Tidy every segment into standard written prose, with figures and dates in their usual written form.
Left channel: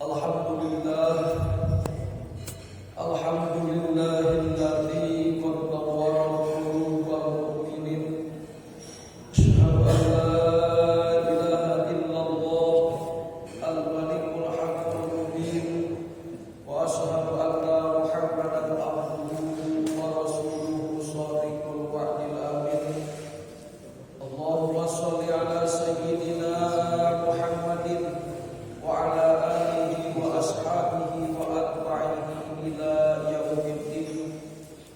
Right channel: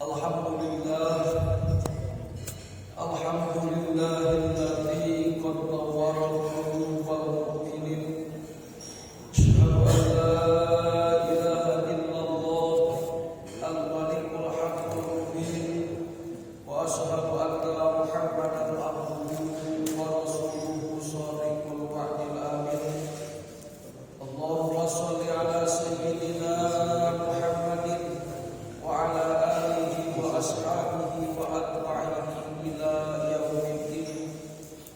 Alhamdulillah, alhamdulillahilladzi qad nawwara qulubal mu'minin. Asyhadu an la ilaha illallah al-malikul haqqul mubin wa asyhadu anna Muhammadan abduhu wa rasuluhu shadiqul wa'dil amin. Allahumma shalli ala sayyidina Muhammadin wa ala alihi wa ashabihi wa atba'ihi ila yaumiddin.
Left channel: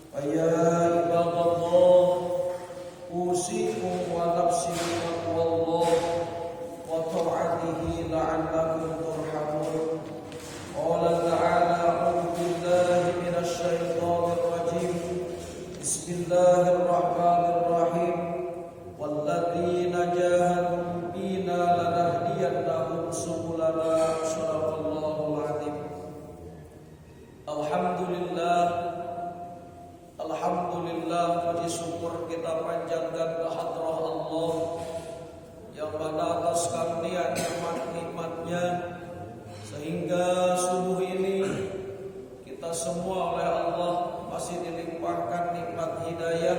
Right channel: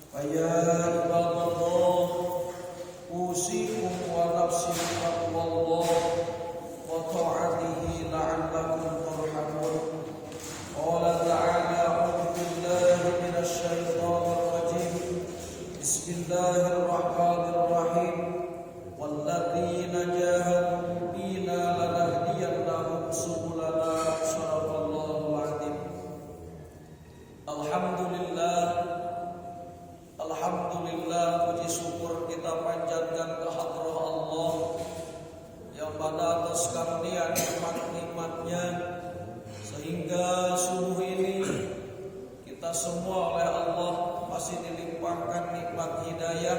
Wa ya ibadallah, usikum wa nafsi bittaqwallah wa ta'atihi la'allakum turhamun. Qala ta'ala, a'udzu billahi minasy syaithanir rajim. Bismillahirrahmanirrahim. Walladzina jahadu fina lanahdiyannahum subulana. Shadaqallahul adzim. Alhamdulillah, puji syukur kita panjatkan ke hadrah Allah yang pada atas karunia nikmat-nikmatnya sehingga subuh ini kita semua oleh Allah masih dilimpahkan nikmat hidayah,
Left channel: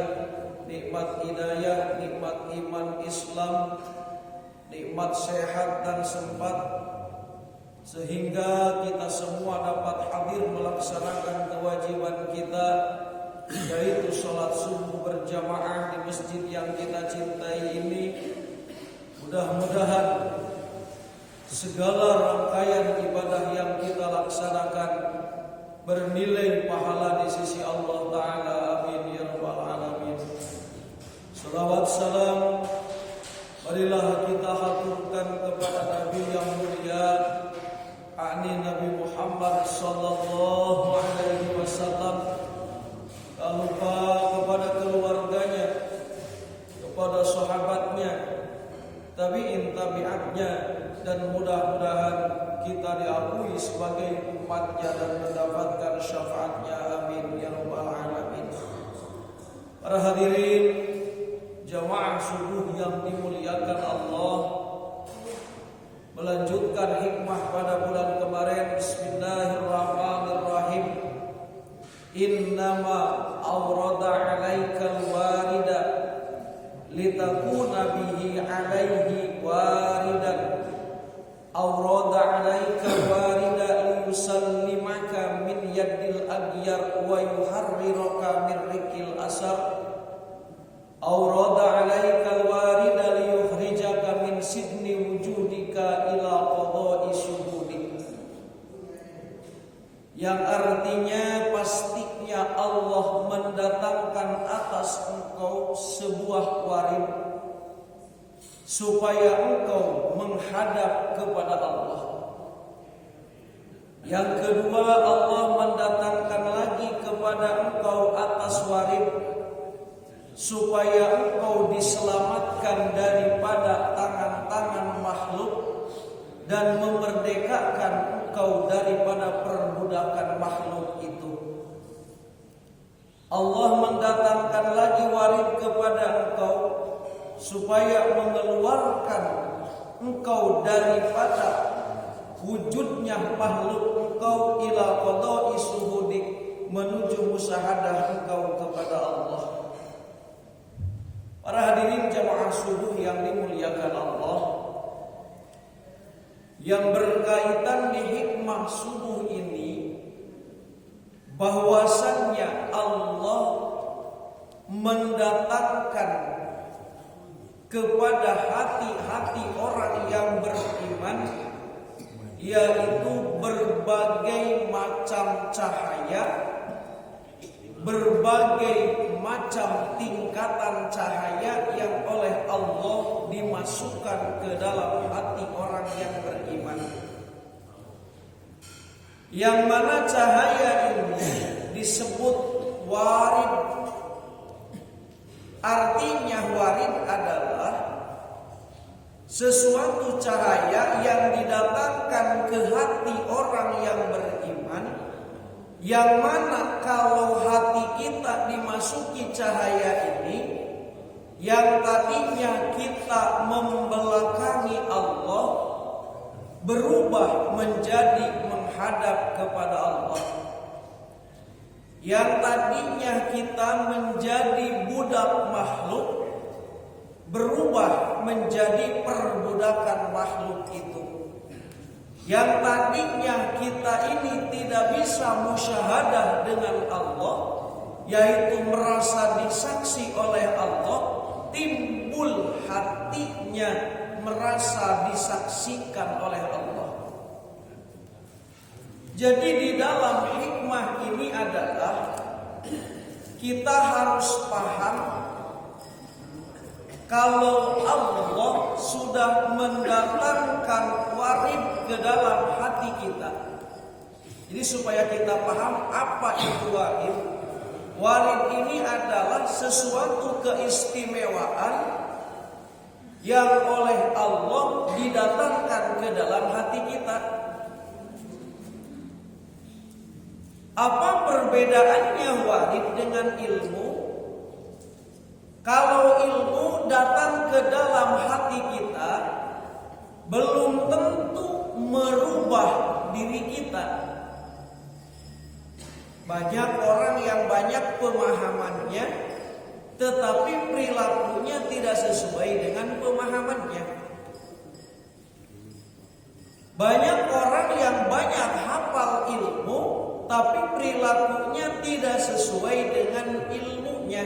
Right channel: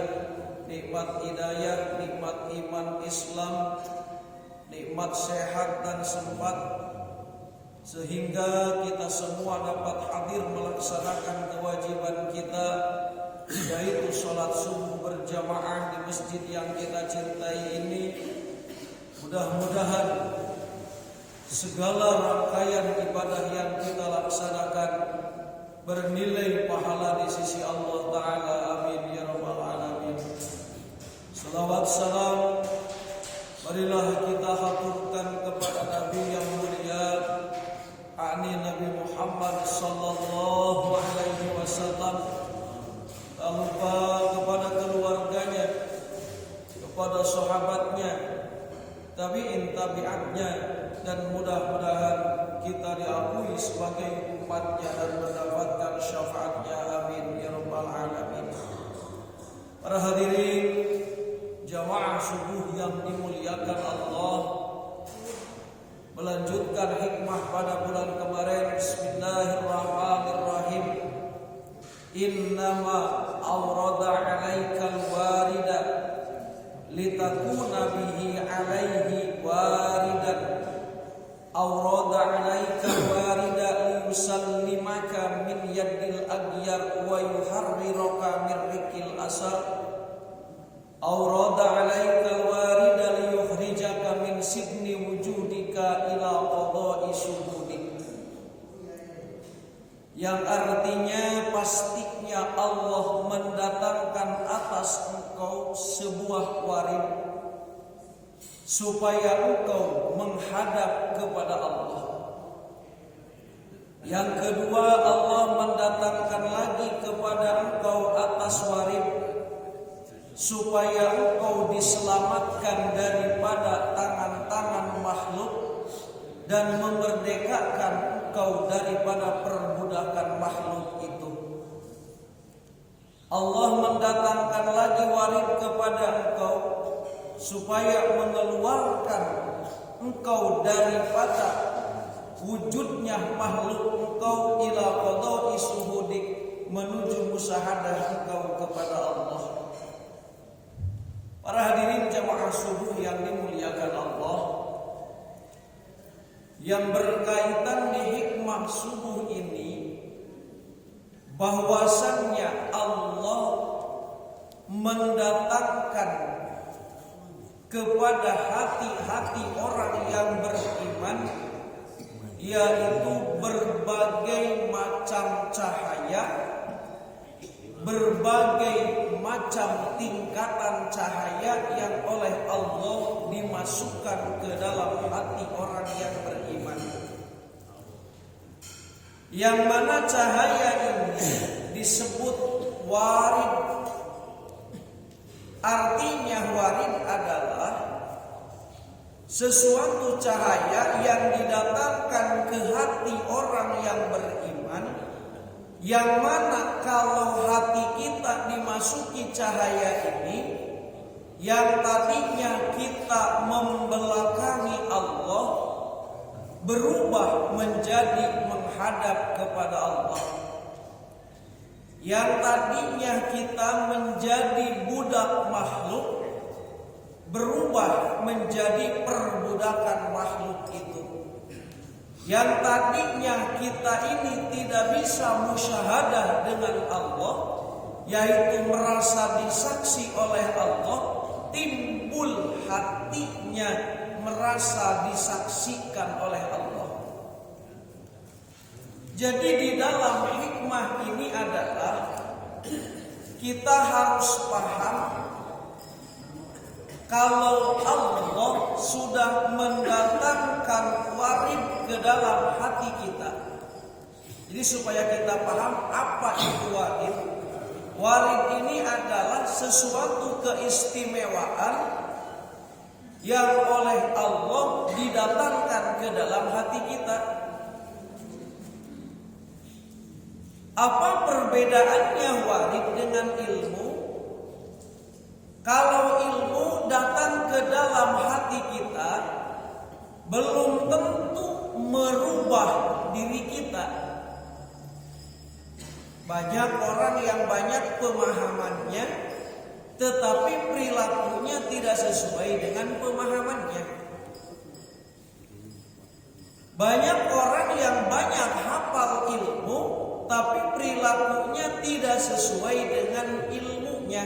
nikmat iman Islam, nikmat sehat dan sempat, sehingga kita semua dapat hadir melaksanakan kewajiban kita, yaitu sholat subuh berjamaah di masjid yang kita cintai ini. Mudah-mudahan segala rangkaian ibadah yang kita laksanakan bernilai pahala di sisi Allah Ta'ala. Amin ya rabbal alamin. Salawat salam marilah kita haturkan kepada Nabi yang mulia, yakni Nabi Muhammad sallallahu alaihi wasallam, tak lupa kepada keluarganya, kepada sahabatnya, tabi'in tabi'atnya, dan mudah-mudahan kita diakui sebagai umatnya dan mendapatkan syafaatnya. Amin ya rabbal alamin. Para hadirin jamaah subuh yang dimuliakan Allah, melanjutkan hikmah pada bulan kemarin. Bismillahirrahmanirrahim. Innama awrada alaikal warida litakuna bihi alaihi waridan. Awrada alaikal warida liyusallimaka min yaddil aghyar wa yuharriraka min rikil asar. Awrada alaikal warida liyukhrijaka min sidni wujudika ila qada'i syuhudik. Yang artinya pastinya Allah mendatangkan atas engkau sebuah warid supaya engkau menghadap kepada Allah. Yang kedua, Allah mendatangkan lagi kepada engkau atas warid supaya engkau diselamatkan daripada tangan-tangan makhluk dan memerdekakan engkau daripada perbudakan makhluk itu. Allah mendatangkan lagi warid kepada engkau supaya mengeluarkan engkau daripada wujudnya makhluk engkau ila qada'i syuhudik, menuju musyahadah engkau kepada Allah. Para hadirin jamaah subuh yang dimuliakan Allah, yang berkaitan di hikmah subuh ini, bahwasannya Allah mendatangkan kepada hati-hati orang yang beriman, yaitu berbagai macam cahaya, berbagai macam tingkatan cahaya yang oleh Allah dimasukkan ke dalam hati orang yang beriman. Yang mana cahaya ini disebut warid. Artinya warid adalah sesuatu cahaya yang didatangkan ke hati orang yang beriman, yang mana kalau hati kita dimasuki cahaya ini, yang tadinya kita membelakangi Allah, berubah menjadi menghadap kepada Allah. Yang tadinya kita menjadi budak makhluk berubah menjadi perbudakan makhluk itu. Yang tadinya kita ini tidak bisa musyahadah dengan Allah, yaitu merasa disaksi oleh Allah, timbul hatinya merasa disaksikan oleh Allah. Jadi di dalam hikmah ini adalah kita harus paham kalau Allah sudah mendatangkan warid ke dalam hati kita. Jadi supaya kita paham apa itu warid. Warid ini adalah sesuatu keistimewaan yang oleh Allah didatangkan ke dalam hati kita. Apa perbedaannya warid dengan ilmu? Kalau ilmu datang ke dalam hati kita, belum tentu merubah diri kita. Banyak orang yang banyak pemahamannya, tetapi perilakunya tidak sesuai dengan pemahamannya. Banyak orang yang banyak hafal ilmu, tapi perilakunya tidak sesuai dengan ilmunya.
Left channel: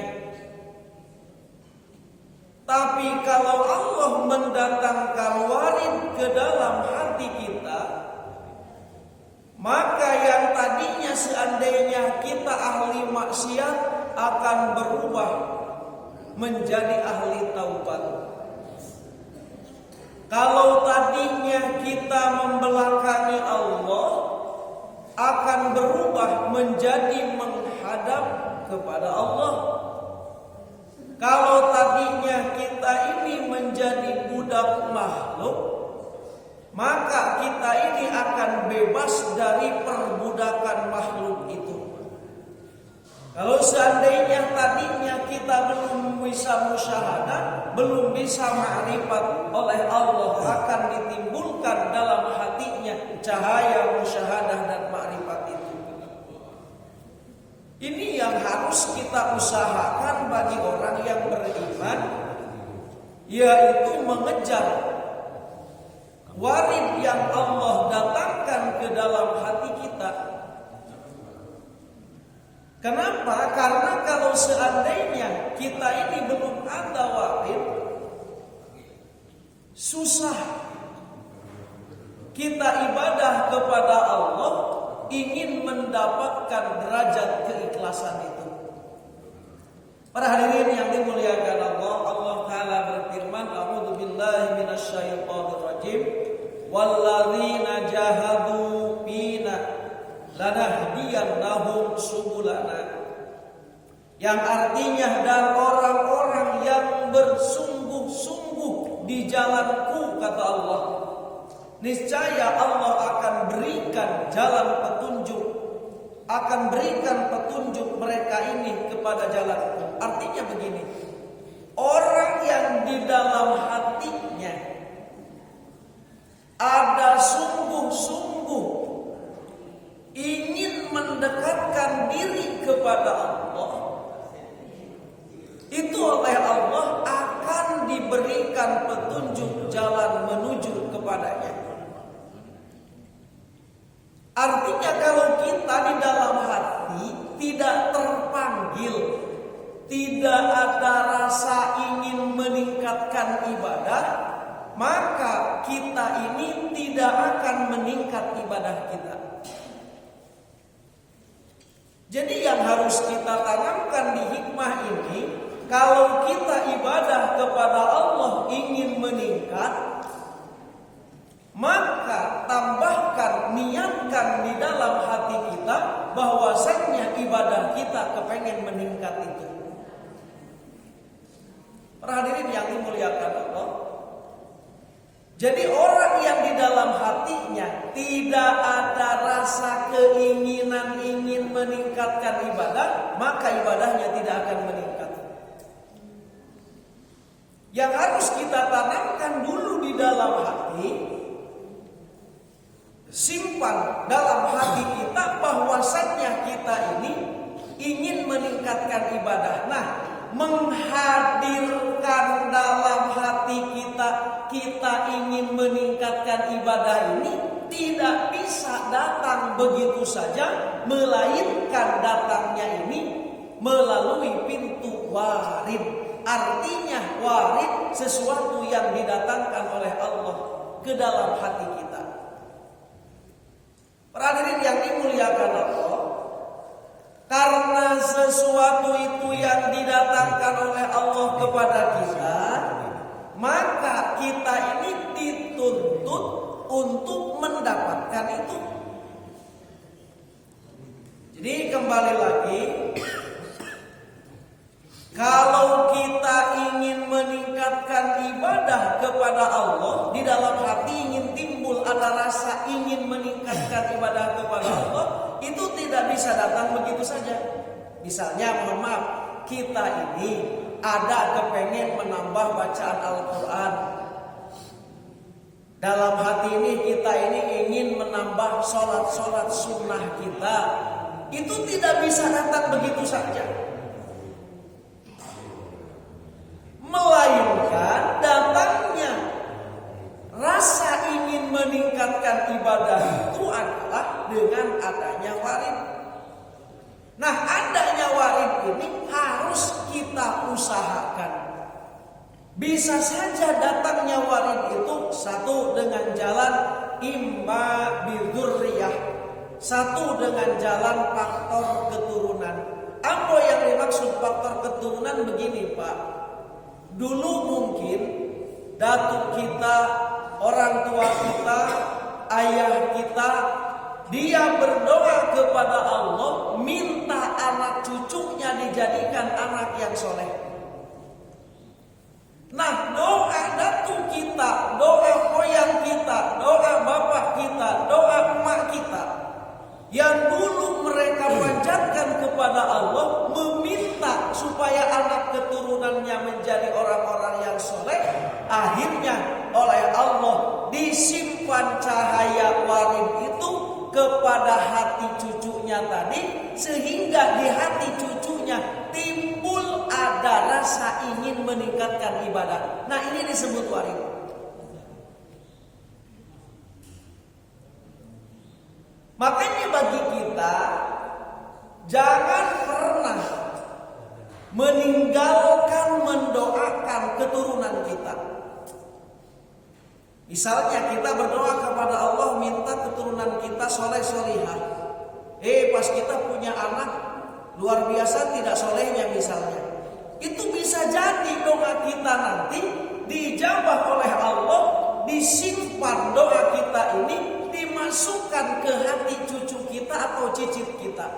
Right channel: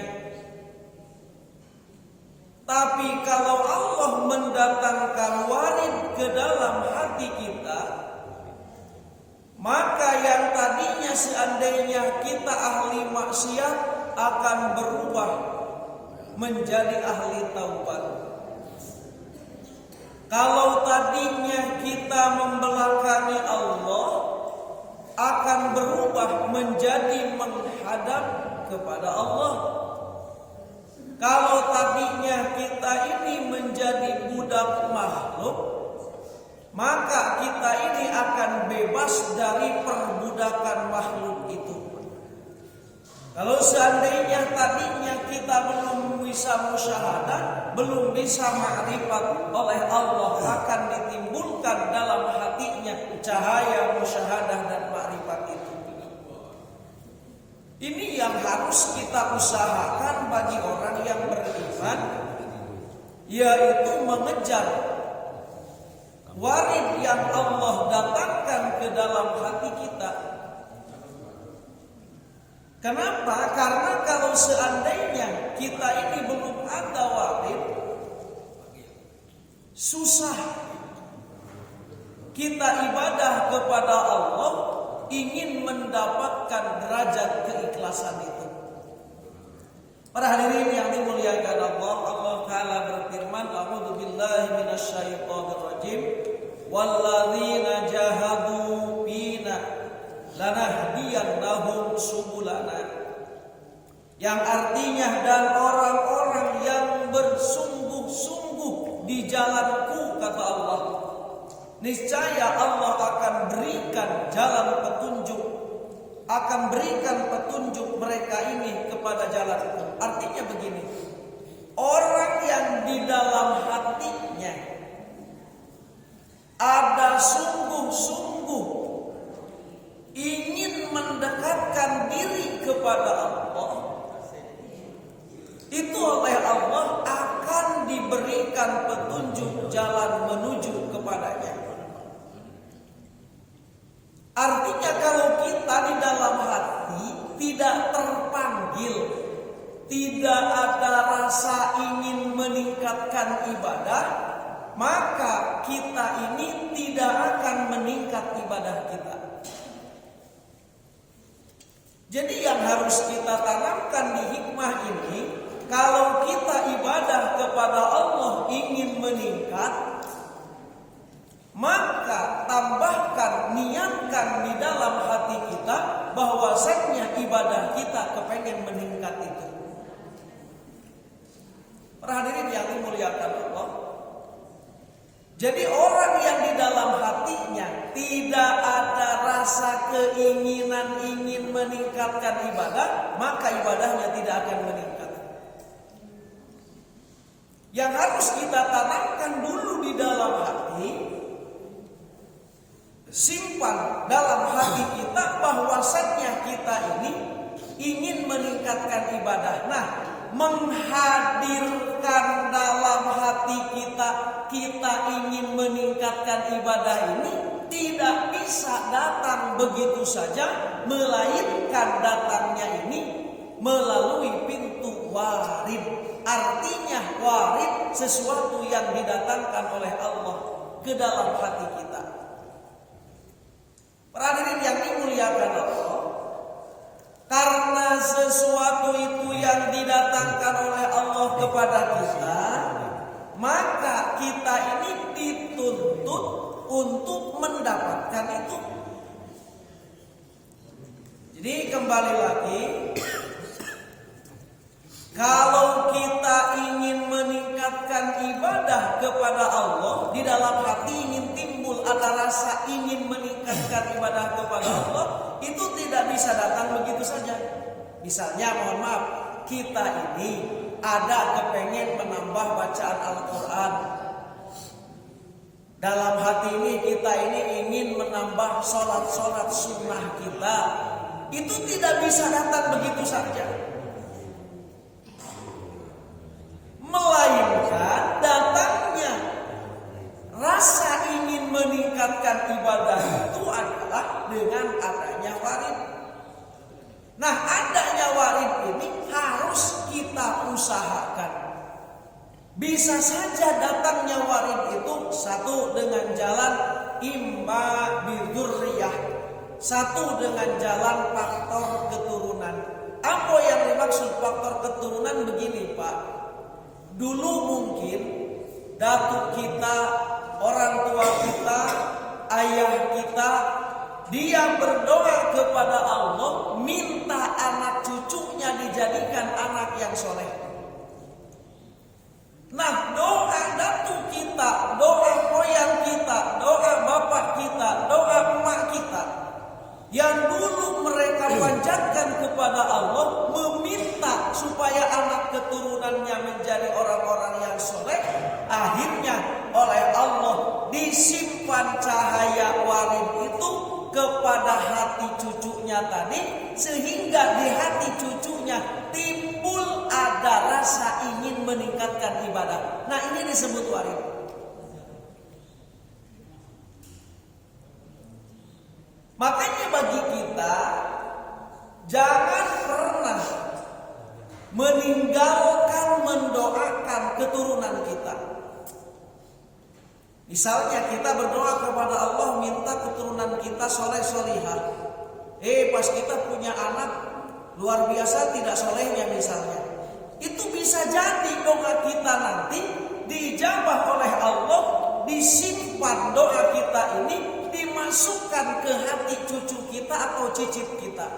Tapi kalau Allah mendatangkan warid ke dalam hati kita, maka yang tadinya seandainya kita ahli maksiat akan berubah menjadi ahli taubat. Kalau tadinya kita membelakangi Allah, akan berubah menjadi menghadap kepada Allah. Kalau tadinya kita ini menjadi budak makhluk, maka kita ini akan bebas dari perbudakan makhluk itu. Kalau seandainya tadinya kita belum bisa musyahadah, belum bisa ma'rifat oleh Allah, akan ditimbulkan dalam hatinya cahaya musyahadah dan ma'rifat itu. Ini yang harus kita usahakan bagi orang yang beriman, yaitu mengejar warid yang Allah datangkan ke dalam hati kita. Kenapa? Karena kalau seandainya kita ini belum ada warid, susah kita ibadah kepada Allah, ingin mendapatkan derajat keikhlasan itu. Para hadirin yang dimuliakan Allah, Allah Ta'ala berfirman, A'udzu billahi minasyaitonir rajim, walladzina jahadu fina lanahdiyannahum subulana. Yang artinya, dan orang-orang yang bersungguh-sungguh di jalanku, kata Allah, niscaya Allah akan berikan jalan petunjuk, akan berikan petunjuk mereka ini kepada jalanku. Artinya begini, orang yang di dalam hatinya ada sungguh-sungguh ingin mendekatkan diri kepada Allah, itu oleh Allah akan diberikan petunjuk jalan menuju kepadanya. Artinya kalau kita di dalam hati tidak terpanggil, tidak ada rasa ingin meningkatkan ibadah, maka kita ini tidak akan meningkat ibadah kita. Jadi yang harus kita tanamkan di hikmah ini, kalau kita ibadah kepada Allah ingin meningkat, maka tambahkan, niatkan di dalam hati kita bahwasanya ibadah kita kepengen meningkat itu. Para hadirin yang dimuliakan Allah, jadi orang yang di dalam hatinya tidak ada rasa keinginan ingin meningkatkan ibadah, maka ibadahnya tidak akan meningkat. Yang harus kita tanamkan dulu di dalam hati, simpan dalam hati kita bahwasannya kita ini ingin meningkatkan ibadah. Nah, menghadirkan dalam hati kita ingin meningkatkan ibadah ini tidak bisa datang begitu saja, melainkan datangnya ini melalui pintu warid. Artinya warid sesuatu yang didatangkan oleh Allah ke dalam hati kita. Para hadirin yang dimuliakan Allah, karena sesuatu itu yang didatangkan oleh Allah kepada kita, maka kita ini dituntut untuk mendapatkan itu. Jadi kembali lagi, kalau kita ingin meningkatkan ibadah kepada Allah, di dalam hati ingin timbul ada rasa ingin meningkatkan ibadah kepada Allah, itu tidak bisa datang begitu saja. Misalnya, mohon maaf, kita ini ada kepengen menambah bacaan Al-Quran. Dalam hati ini kita ini ingin menambah sholat-sholat sunnah kita. Itu tidak bisa datang begitu saja, melainkan datangnya rasa ingin meningkatkan ibadah itu adalah dengan adanya warid. Nah, adanya warid ini harus kita usahakan. Bisa saja datangnya warid itu satu dengan jalan imma bidzurriyah, satu dengan jalan faktor keturunan. Apa yang dimaksud faktor keturunan begini, Pak. Dulu mungkin datuk kita, orang tua kita, ayah kita, dia berdoa kepada Allah, minta anak cucunya dijadikan anak yang soleh. Nah, doa datuk kita, doa moyang kita, doa bapak kita, doa emak kita, yang dulu mereka panjatkan kepada Allah, meminta supaya anak keturunannya menjadi orang-orang yang soleh, akhirnya oleh Allah disimpan cahaya warid itu kepada hati cucunya tadi, sehingga di hati cucunya timbul ada rasa ingin meningkatkan ibadah. Nah, ini disebut warid. Makanya bagi kita, jangan pernah meninggalkan mendoakan keturunan kita. Misalnya kita berdoa kepada Allah minta keturunan kita soleh solihah. Pas kita punya anak luar biasa tidak solehnya misalnya, itu bisa jadi doa kita nanti dijabah oleh Allah, disimpan doa kita ini, dimasukkan ke hati cucu kita atau cicit kita.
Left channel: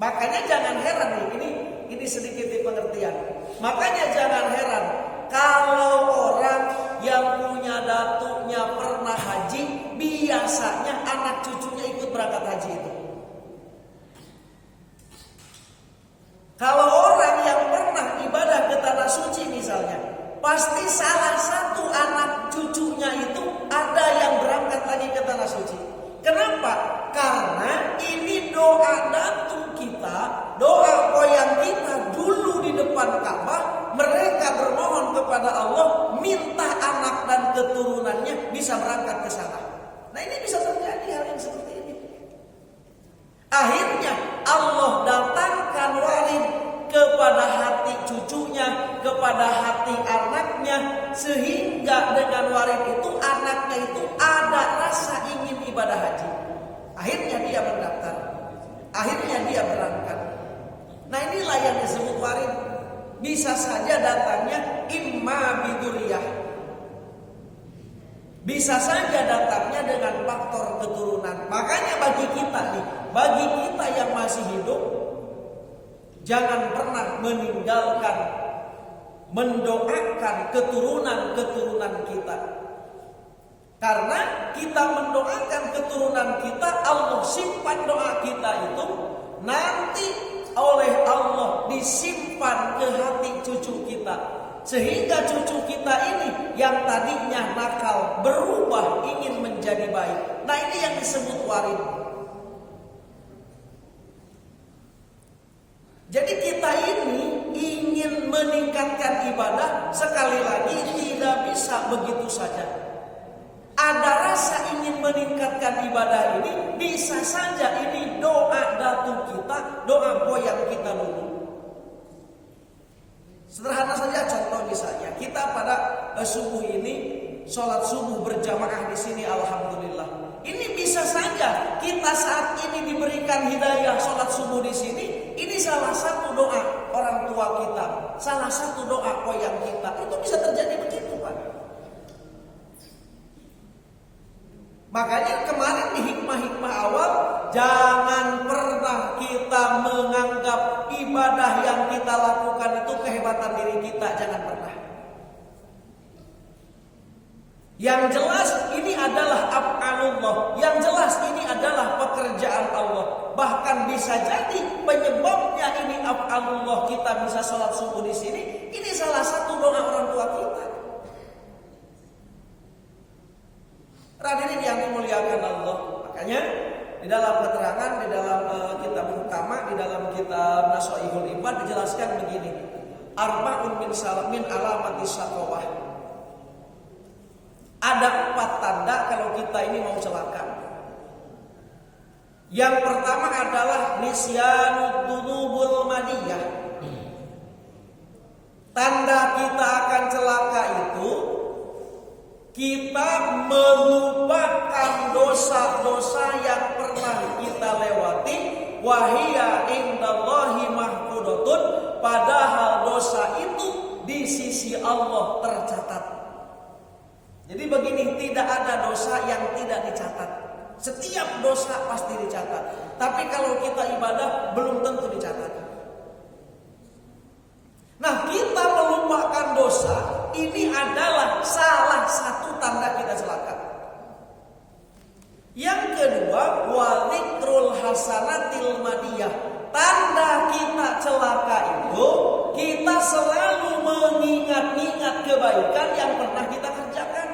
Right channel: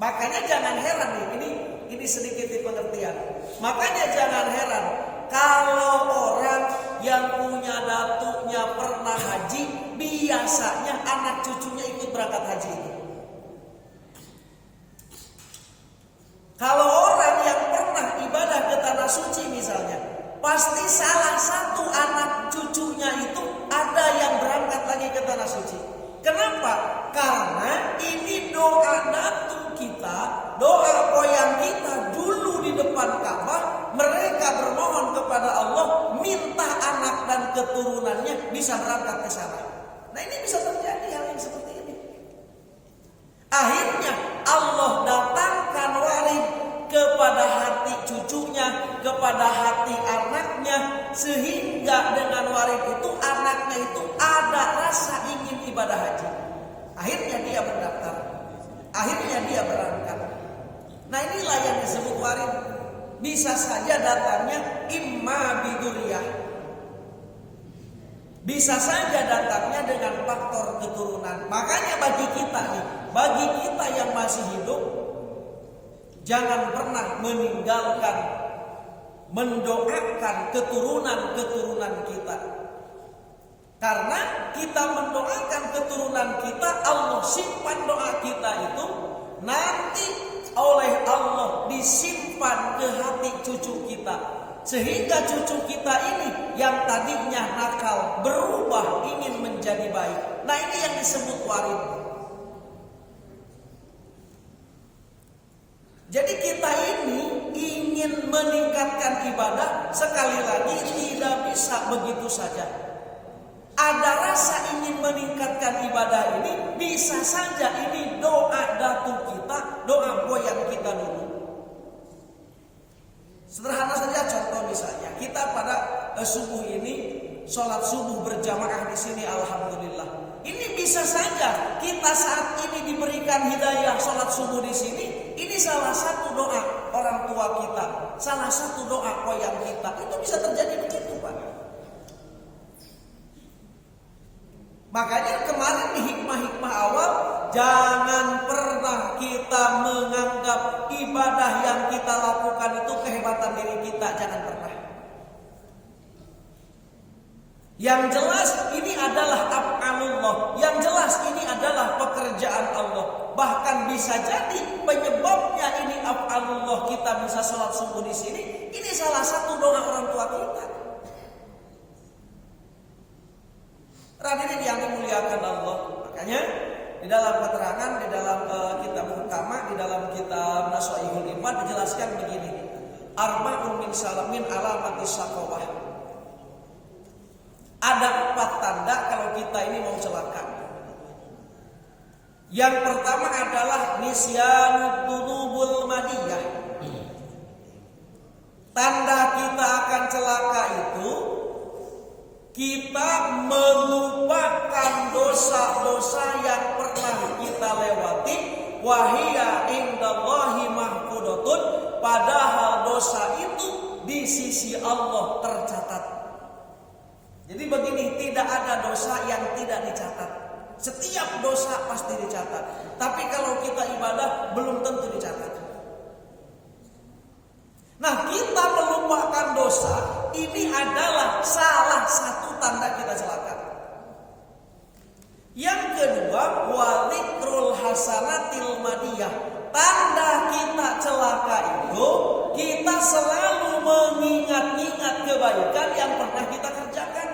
Makanya jangan heran nih, ini sedikit di pengertian. Makanya jangan heran kalau orang yang punya datuknya pernah haji, biasanya anak cucunya ikut berangkat haji itu. Kalau orang yang pernah ibadah ke tanah suci misalnya, pasti salah satu anak cucunya itu ada yang berangkat lagi ke tanah suci. Kenapa? Karena ini doa datuk kita, doa moyang kita dulu di depan Ka'bah, mereka bermohon kepada Allah minta anak dan keturunannya bisa berangkat ke sana. Nah, ini bisa terjadi hal yang seperti ini. Akhirnya Allah datangkan warid kepada hati cucunya, kepada hati anaknya, sehingga dengan warid itu anaknya itu ada rasa ingin ibadah haji. Akhirnya dia mendaftar, akhirnya dia berangkat. Nah, inilah yang disebut warid. Bisa saja datangnya imma bidzurriyah, bisa saja datangnya dengan faktor keturunan. Makanya bagi kita nih, bagi kita yang masih hidup, jangan pernah meninggalkan mendoakan keturunan-keturunan kita. Karena kita mendoakan keturunan kita, Allah simpan doa kita itu, nanti oleh Allah disimpan ke hati cucu kita. Sehingga cucu kita ini yang tadinya nakal berubah ingin menjadi baik. Nah, ini yang disebut warid. Jadi kita ini ingin meningkatkan ibadah, sekali lagi tidak bisa begitu saja. Ada rasa ingin meningkatkan ibadah ini, bisa saja ini doa datu kita, doa boyang kita dulu. Sederhana saja contoh misalnya, kita pada subuh ini sholat subuh berjamaah di sini, alhamdulillah. Ini bisa saja kita saat ini diberikan hidayah sholat subuh di sini. Ini salah satu doa orang tua kita, salah satu doa koyang kita. Itu bisa terjadi begitu, Pak. Makanya kemarin di hikmah-hikmah awal, jangan pernah kita menganggap ibadah yang kita lakukan itu kehebatan diri kita, jangan pernah. Yang jelas ini adalah af'alullah, yang jelas ini adalah pekerjaan Allah. Bahkan bisa jadi penyebabnya ini af'alullah, kita bisa sholat subuh di sini, ini salah satu doa orang tua kita. Hadirin yang dimuliakan Allah, makanya di dalam keterangan di dalam kitab utama, di dalam kitab Nasha'ihul Ibad dijelaskan begini, arba'un min alamati syaqawah. Ada 4 tanda kalau kita ini mau celaka. Yang pertama adalah nisyanud dzunubul madiyah. Tanda kita akan celaka itu kita melupakan dosa-dosa yang pernah kita lewati. Wahia indallahi mahfudatun, padahal dosa itu di sisi Allah tercatat. Jadi begini, tidak ada dosa yang tidak dicatat. Setiap dosa pasti dicatat. Tapi kalau kita ibadah belum tentu dicatat. Nah, kita melupakan dosa, ini adalah salah satu tanda kita celaka. Yang kedua, walikrul hasanatil madiyah. Tanda kita celaka itu, kita selalu mengingat-ingat kebaikan yang pernah kita kerjakan.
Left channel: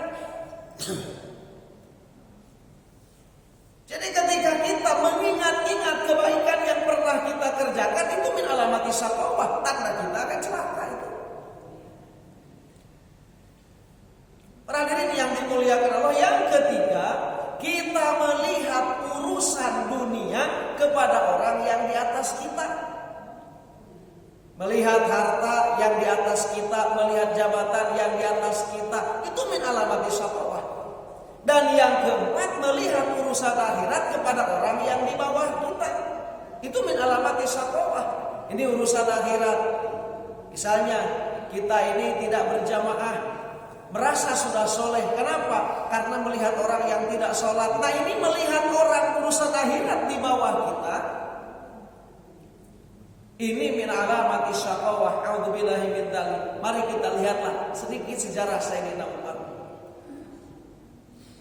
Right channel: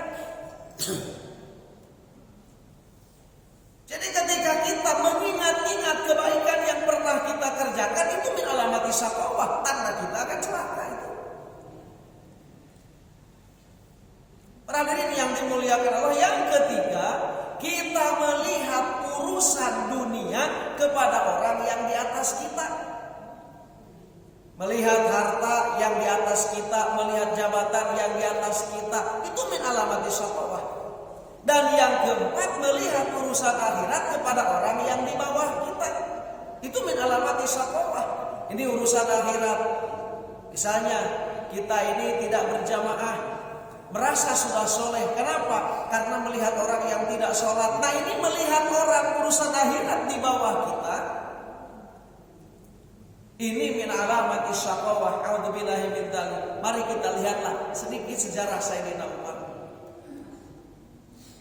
Jadi ketika kita mengingat-ingat kebaikan yang pernah kita kerjakan, itu min alamati syaqawah, tanda kita akan celaka itu. Hadirin yang dimuliakan Allah, yang ketiga, kita melihat urusan dunia kepada orang yang di atas kita. Melihat harta yang di atas kita, melihat jabatan yang di atas kita, itu min alamati syaqawah. Dan yang keempat, melihat urusan akhirat kepada orang yang di bawah kita, itu min alamati syaqawah. Ini urusan akhirat. Misalnya kita ini tidak berjamaah, merasa sudah soleh. Kenapa? Karena melihat orang yang tidak sholat. Nah, ini melihat orang urusan akhirat di bawah kita, ini min alamati syaqawah. A'udzubillahi min dzalik. Mari kita lihatlah sedikit sejarah Sayyidina Umar.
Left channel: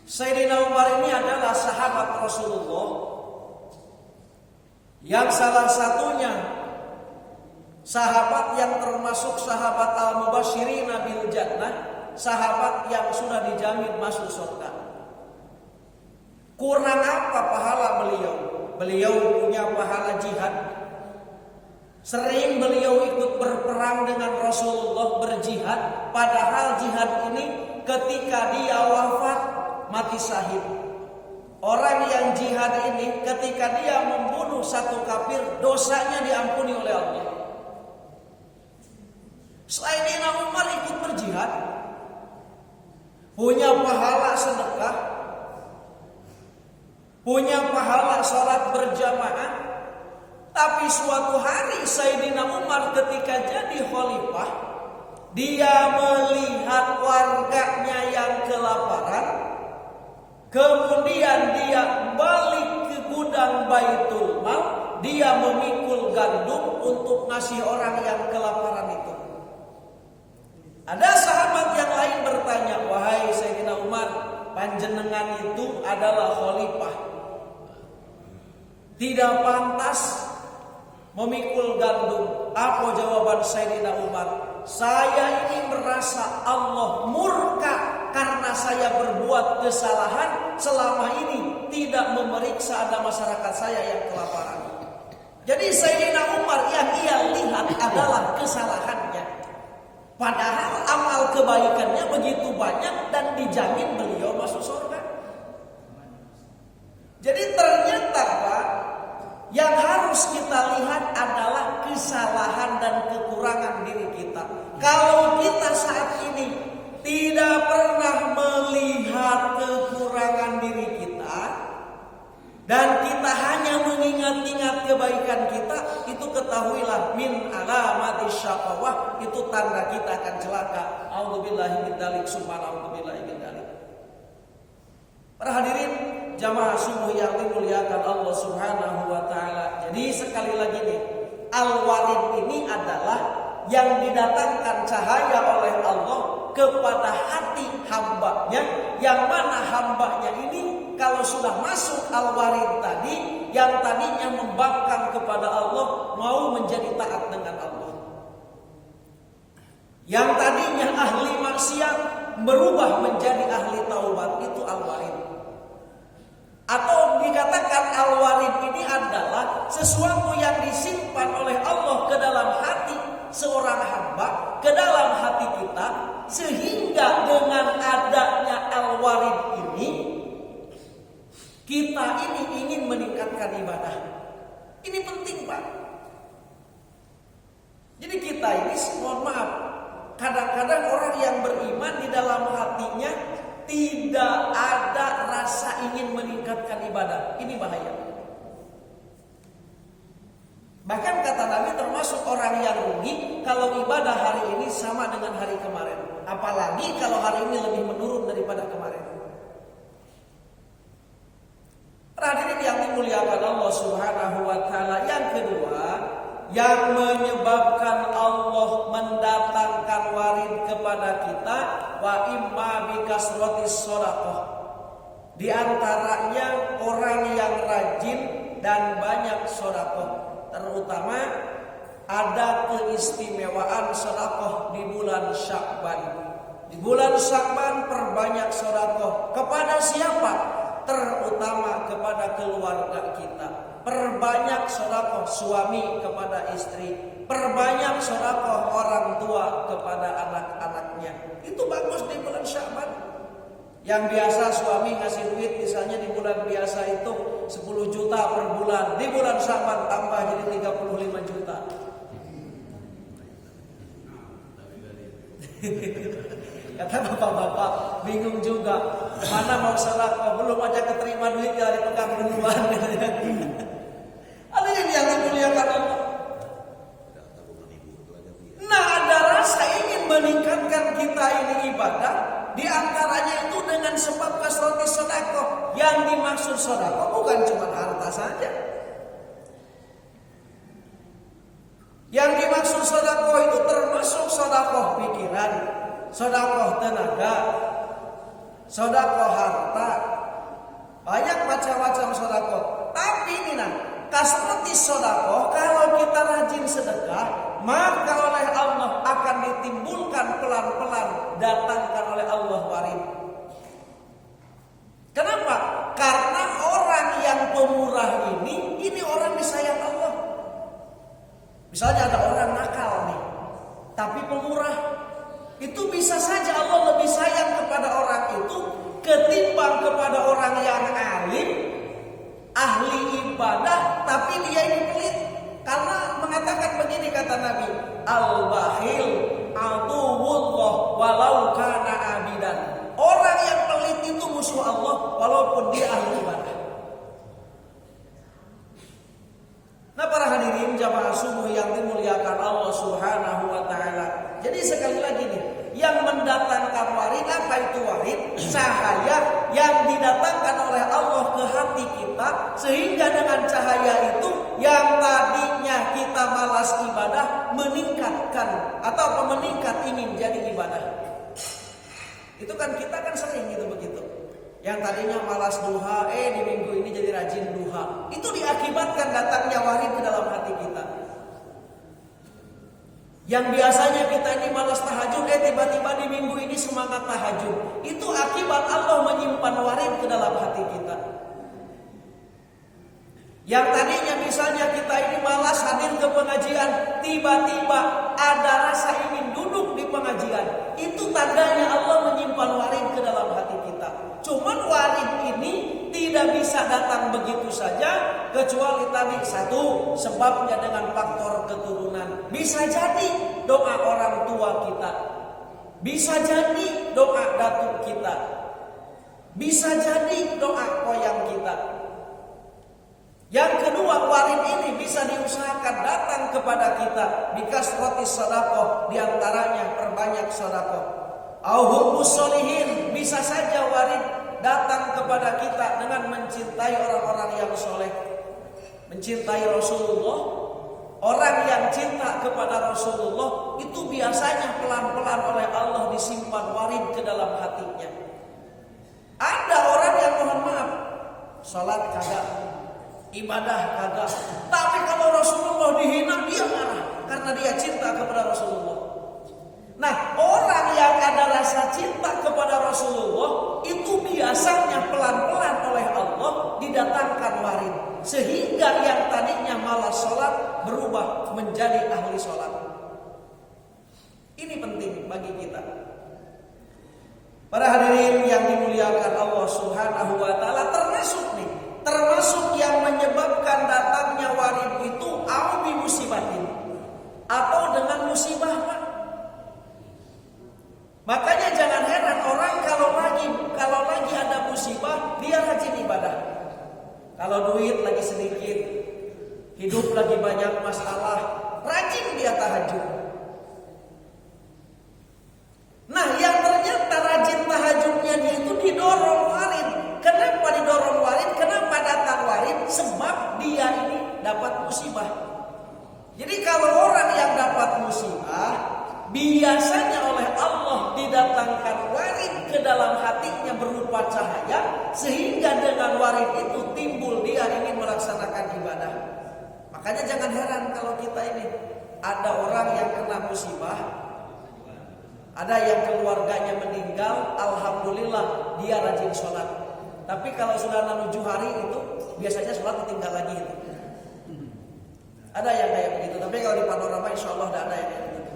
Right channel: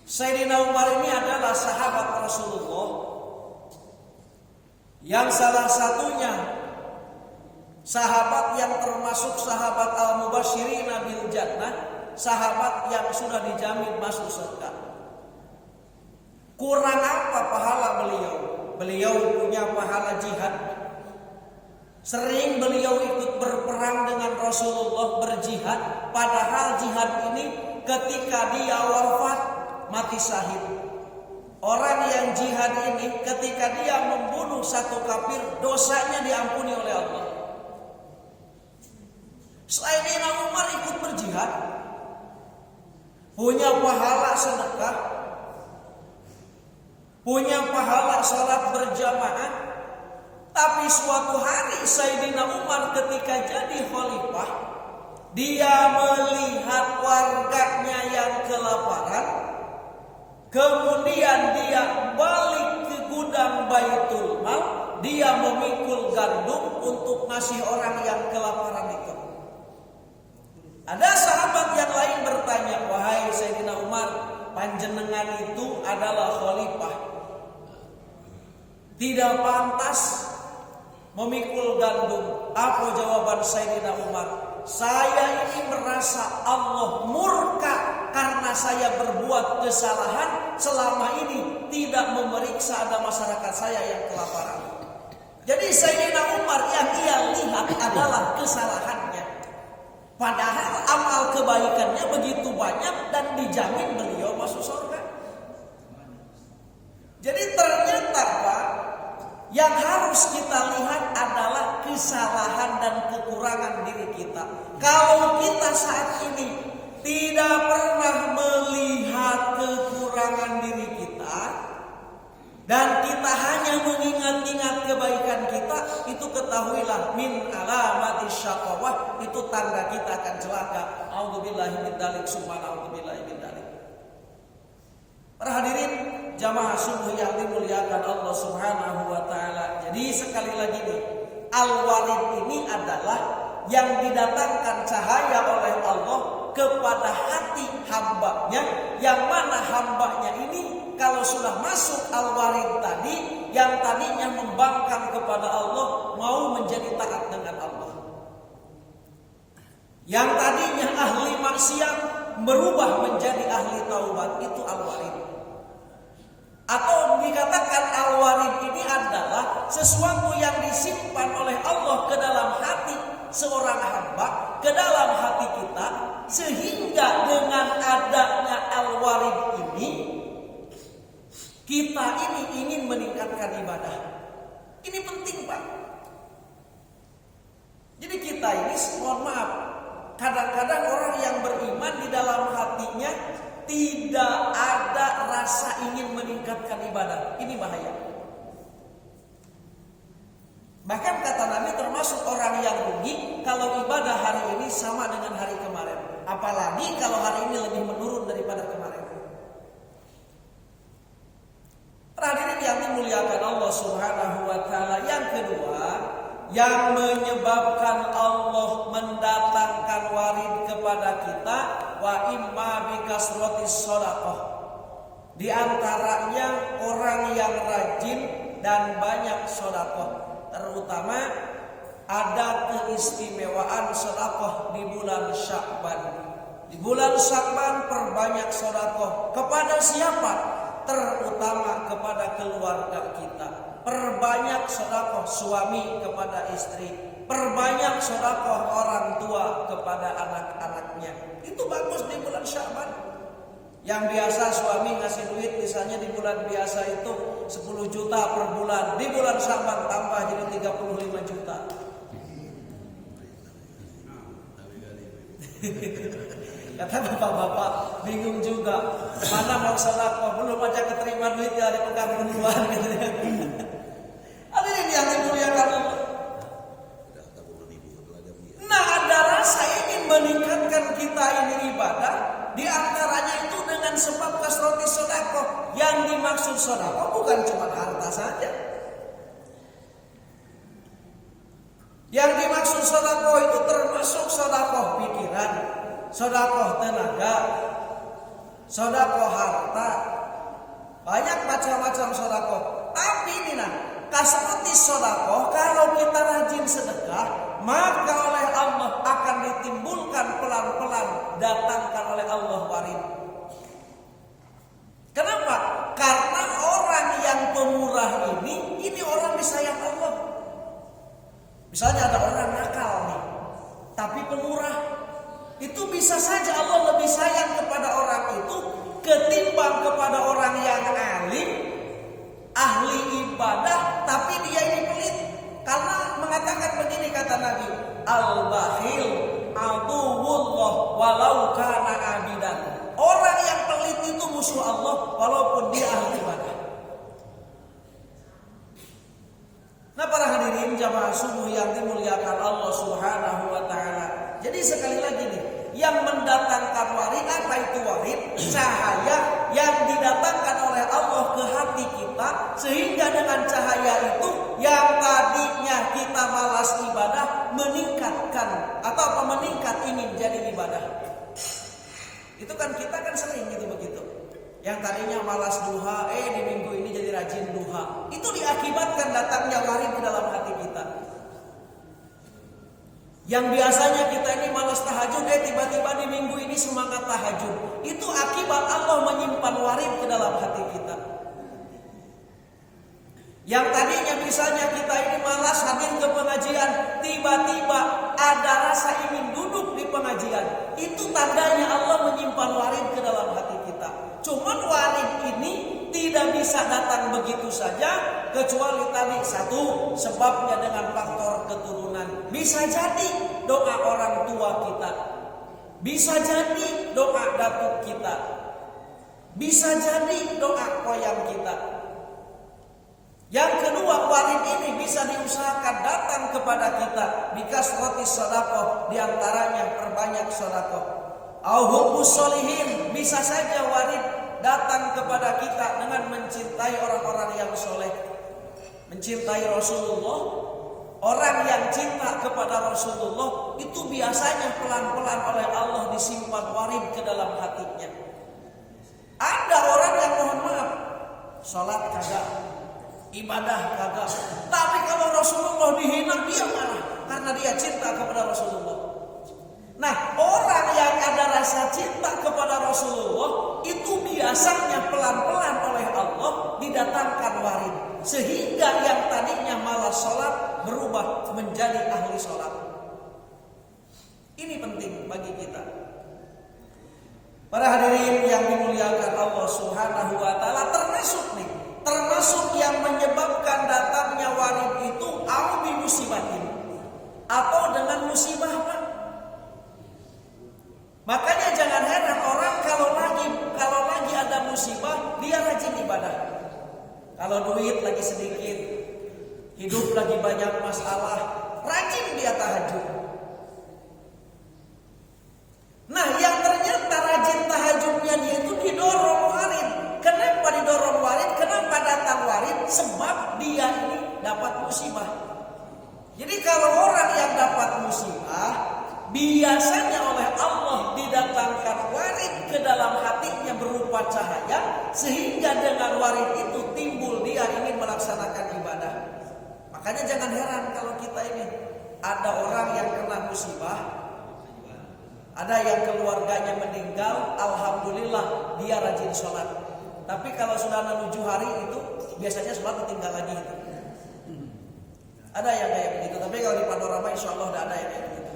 Sayyidina Umar ini adalah sahabat Rasulullah yang salah satunya sahabat yang termasuk sahabat al-mubashirina bil jannah, sahabat yang sudah dijamin masuk surga. Kurang apa pahala beliau? Beliau punya pahala jihad. Sering beliau ikut berperang dengan Rasulullah, berjihad. Padahal jihad ini ketika dia wafat mati syahid. Orang yang jihad ini ketika dia membunuh satu kafir, dosanya diampuni oleh Allah. Sayyidina Umar ikut berjihad, punya pahala sedekah, punya pahala sholat berjamaah. Tapi suatu hari Sayyidina Umar ketika jadi khalifah, dia melihat warganya yang kelaparan. Kemudian dia balik ke gudang Baitul Mal, dia memikul gandum untuk ngasih orang yang kelaparan itu. Ada sahabat yang lain bertanya, wahai Sayyidina Umar, panjenengan itu adalah khalifah, tidak pantas memikul gandum. Apa jawaban Sayyidina Umar? saya ini merasa Allah murka karena saya berbuat kesalahan selama ini tidak memeriksa ada masyarakat saya yang kelaparan. Jadi Sayyidina Umar yang ia lihat adalah kesalahannya. Padahal amal kebaikannya begitu banyak dan dijamin beliau masuk surga. Jadi ternyata Pak, yang harus kita lihat adalah kesalahan dan kekurangan diri kita. Kalau kita saat ini tidak pernah melihat kekurangan diri kita dan kita hanya mengingat-ingat kebaikan kita, itu ketahuilah min alamati syaqawah, itu tanda kita akan celaka. A'udzubillahi min dzalik, summa a'udzubillahi min dzalik. Para hadirin jamaah subuh yang dimuliakan Allah Subhanahu wa taala. Jadi sekali lagi nih, Al-Warid ini adalah yang didatangkan cahaya oleh Allah kepada hati hambanya, yang mana hambanya ini kalau sudah masuk Al-Warid tadi, yang tadinya membangkang kepada Allah mau menjadi taat dengan Allah. Yang tadinya ahli maksiat berubah menjadi ahli taubat, itu Al-Warid. Atau dikatakan Al-Warid ini adalah sesuatu yang disimpan oleh Allah ke dalam hati seorang hamba, ke dalam hati kita, sehingga dengan adanya Al-Warid ini kita ini ingin meningkatkan ibadah. Ini penting Pak. Jadi kita ini, mohon maaf, kadang-kadang orang yang beriman di dalam hatinya tidak ada rasa ingin meningkatkan ibadah. Ini bahaya. Bahkan kata Nabi termasuk orang yang rugi kalau ibadah hari ini sama dengan hari kemarin. Apalagi kalau hari ini lebih menurun daripada kemarin. Hadirin yang dimuliakan Allah Subhanahu wa taala, yang kedua yang menyebabkan Allah mendatangkan warid kepada kita, wa imma bikasratis shadaqah. Di antaranya orang yang rajin dan banyak sedekah, terutama ada keistimewaan sedekah di bulan Sya'ban. Di bulan Sya'ban perbanyak sedekah kepada siapa? Terutama kepada keluarga kita. Perbanyak sedekah suami kepada istri, perbanyak sedekah orang tua kepada anak-anaknya. Itu bagus di bulan Sya'ban. Yang biasa suami ngasih duit misalnya di bulan biasa itu 10 juta per bulan, di bulan Sya'ban tambah jadi 35 juta. Kata bapak-bapak bingung juga, mana mau sedekah, belum aja keterima duit ya dipegang duluan. Ada yang dimuliakan Allah. Nah, ada rasa ingin meningkatkan kita ini ibadah, di antaranya itu dengan sebab kasrati sedekah. Yang dimaksud sedekah bukan cuma harta saja. Yang dimaksud sedekah itu termasuk sedekah pikiran, sedekah tenaga, sedekah harta. Banyak macam-macam sedekah. Tapi ini kasrati sedekah, kalau kita rajin sedekah, maka oleh Allah akan ditimbulkan pelan-pelan, datangkan oleh Allah warid. Kenapa? Karena orang yang pemurah ini orang disayang Allah. Misalnya ada orang nakal nih, tapi pemurah. Itu bisa saja Allah lebih sayang kepada orang itu ketimbang kepada orang yang alim, ahli ibadah, tapi dia ini pelit. Karena mengatakan begini kata Nabi, al-bakhil aduwwullah walau kana abidan. Orang yang pelit itu musuh Allah walaupun dia ahli ibadah. Nah, para hadirin jamaah subuh yang dimuliakan Allah Subhanahu wa taala. Jadi sekali lagi nih, yang mendatangkan warid, apa itu warid? Cahaya yang didatangkan oleh Allah ke hati kita, sehingga dengan cahaya itu yang tadinya kita malas ibadah meningkatkan atau meningkat ingin jadi ibadah. Itu kan kita kan sering gitu begitu. Yang tadinya malas duha, di minggu ini jadi rajin duha. Itu diakibatkan datangnya warid di dalam hati kita. Yang biasanya kita ini malas tahajud, tiba-tiba di minggu ini semangat tahajud. Itu akibat Allah menyimpan warid ke dalam hati kita. Yang tadinya misalnya kita ini malas hadir ke pengajian, tiba-tiba ada rasa ingin duduk di pengajian. Itu tandanya Allah menyimpan warid ke dalam hati kita. Cuman warid ini tidak bisa datang begitu saja, kecuali tadi satu, sebabnya dengan faktor keturunan. Bisa jadi doa orang tua kita, bisa jadi doa datuk kita, bisa jadi doa koyang kita. Yang kedua, warid ini bisa diusahakan datang kepada kita bikasratis sedekah, diantaranya perbanyak sedekah. Au hubbus sholihin, bisa saja warid datang kepada kita dengan mencintai orang-orang yang soleh, mencintai Rasulullah. Orang yang cinta kepada Rasulullah itu biasanya pelan-pelan oleh Allah disimpan warid ke dalam hatinya. Ada orang yang mohon maaf, sholat kagak, ibadah kagak, tapi kalau Rasulullah dihina dia marah karena dia cinta kepada Rasulullah. Nah, orang yang ada rasa cinta kepada Rasulullah itu biasanya pelan-pelan oleh Allah didatangkan warid, sehingga yang tadinya malas sholat berubah menjadi ahli sholat. Ini penting bagi kita. Para hadirin yang dimuliakan Allah Subhanahu wa taala, termasuk yang menyebabkan datangnya warid itu au bi musibatin, atau dengan musibah, Pak. Makanya jangan heran orang kalau lagi ada musibah dia rajin ibadah. Kalau duit lagi sedikit, hidup lagi banyak masalah, rajin dia tahajud. Nah, yang ternyata rajin tahajudnya dia itu didorong warid. Kenapa didorong warid? Kenapa datang warid? Sebab dia ini dapat musibah. Jadi kalau orang yang dapat musibah, biasanya oleh Allah didatangkan warid ke dalam hatinya berupa cahaya, sehingga dengan warid itu timbul dia ingin melaksanakan ibadah. Makanya jangan heran kalau kita ini ada orang yang kena musibah, ada yang keluarganya meninggal, alhamdulillah dia rajin sholat. Tapi kalau sudah 7 hari itu biasanya sholat ditinggal lagi. Ada yang kayak begitu. Tapi kalau di panorama insya Allah tidak ada yang kayak begitu.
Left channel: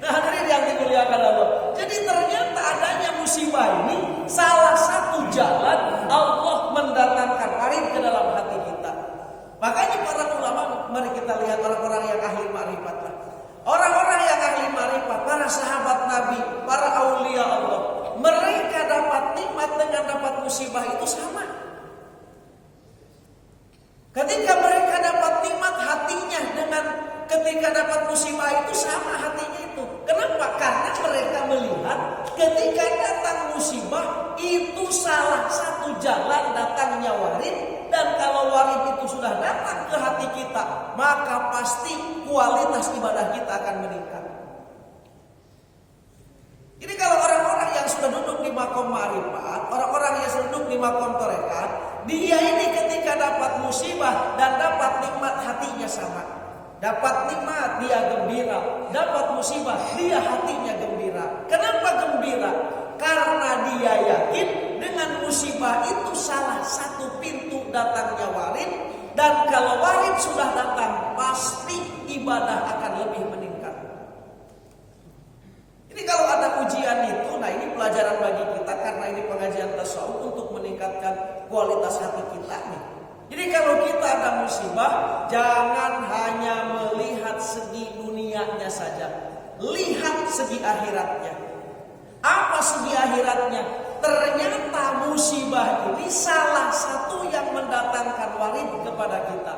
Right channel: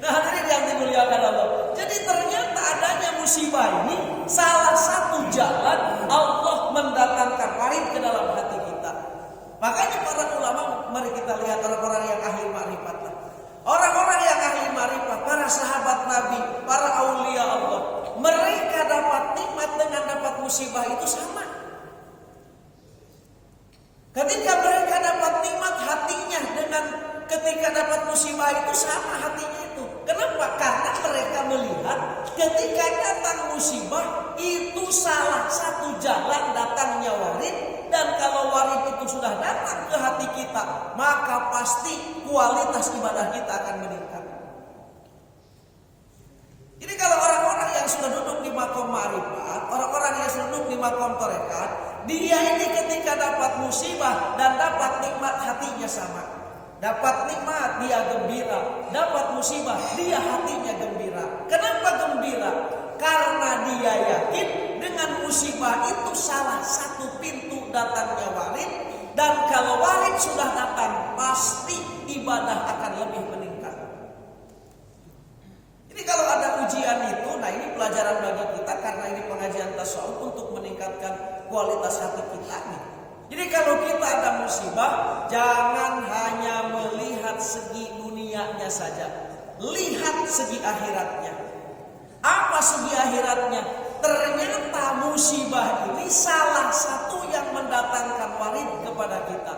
Nah, hadirin yang dimuliakan Allah. Jadi ternyata adanya musibah ini salah satu jalan Allah mendatangkan warid ke dalam hati kita. Makanya para ulama, mari kita lihat orang-orang yang ahli ma'rifat lah. Orang-orang yang ahli ma'rifat, para sahabat Nabi, para aulia Allah, mereka dapat nikmat dengan dapat musibah itu sama. Ketika mereka dapat nikmat, hatinya dengan ketika dapat musibah itu sama hatinya itu. Kenapa? Karena mereka melihat ketika datang musibah itu salah satu jalan datangnya warid. Dan kalau warid itu sudah datang ke hati kita, maka pasti kualitas ibadah kita akan meningkat. Jadi kalau orang-orang yang sudah duduk di makom ma'rifat, orang-orang yang sudah duduk di makom tarekat, dia ini ketika dapat musibah dan dapat nikmat hatinya sama. Dapat nikmat dia gembira, dapat musibah dia hatinya gembira. Kenapa gembira? Karena dia yakin dengan musibah itu salah satu pintu datangnya warid. Dan kalau warid sudah datang, pasti ibadah akan lebih meningkat. Jadi kalau ada ujian itu, nah ini pelajaran bagi kita karena ini pengajian tasawuf untuk meningkatkan kualitas hati kita nih. Jadi kalau kita ada musibah, jangan hanya melihat segi dunianya saja, lihat segi akhiratnya. Apa segi akhiratnya? Ternyata musibah ini salah satu yang mendatangkan warid kepada kita.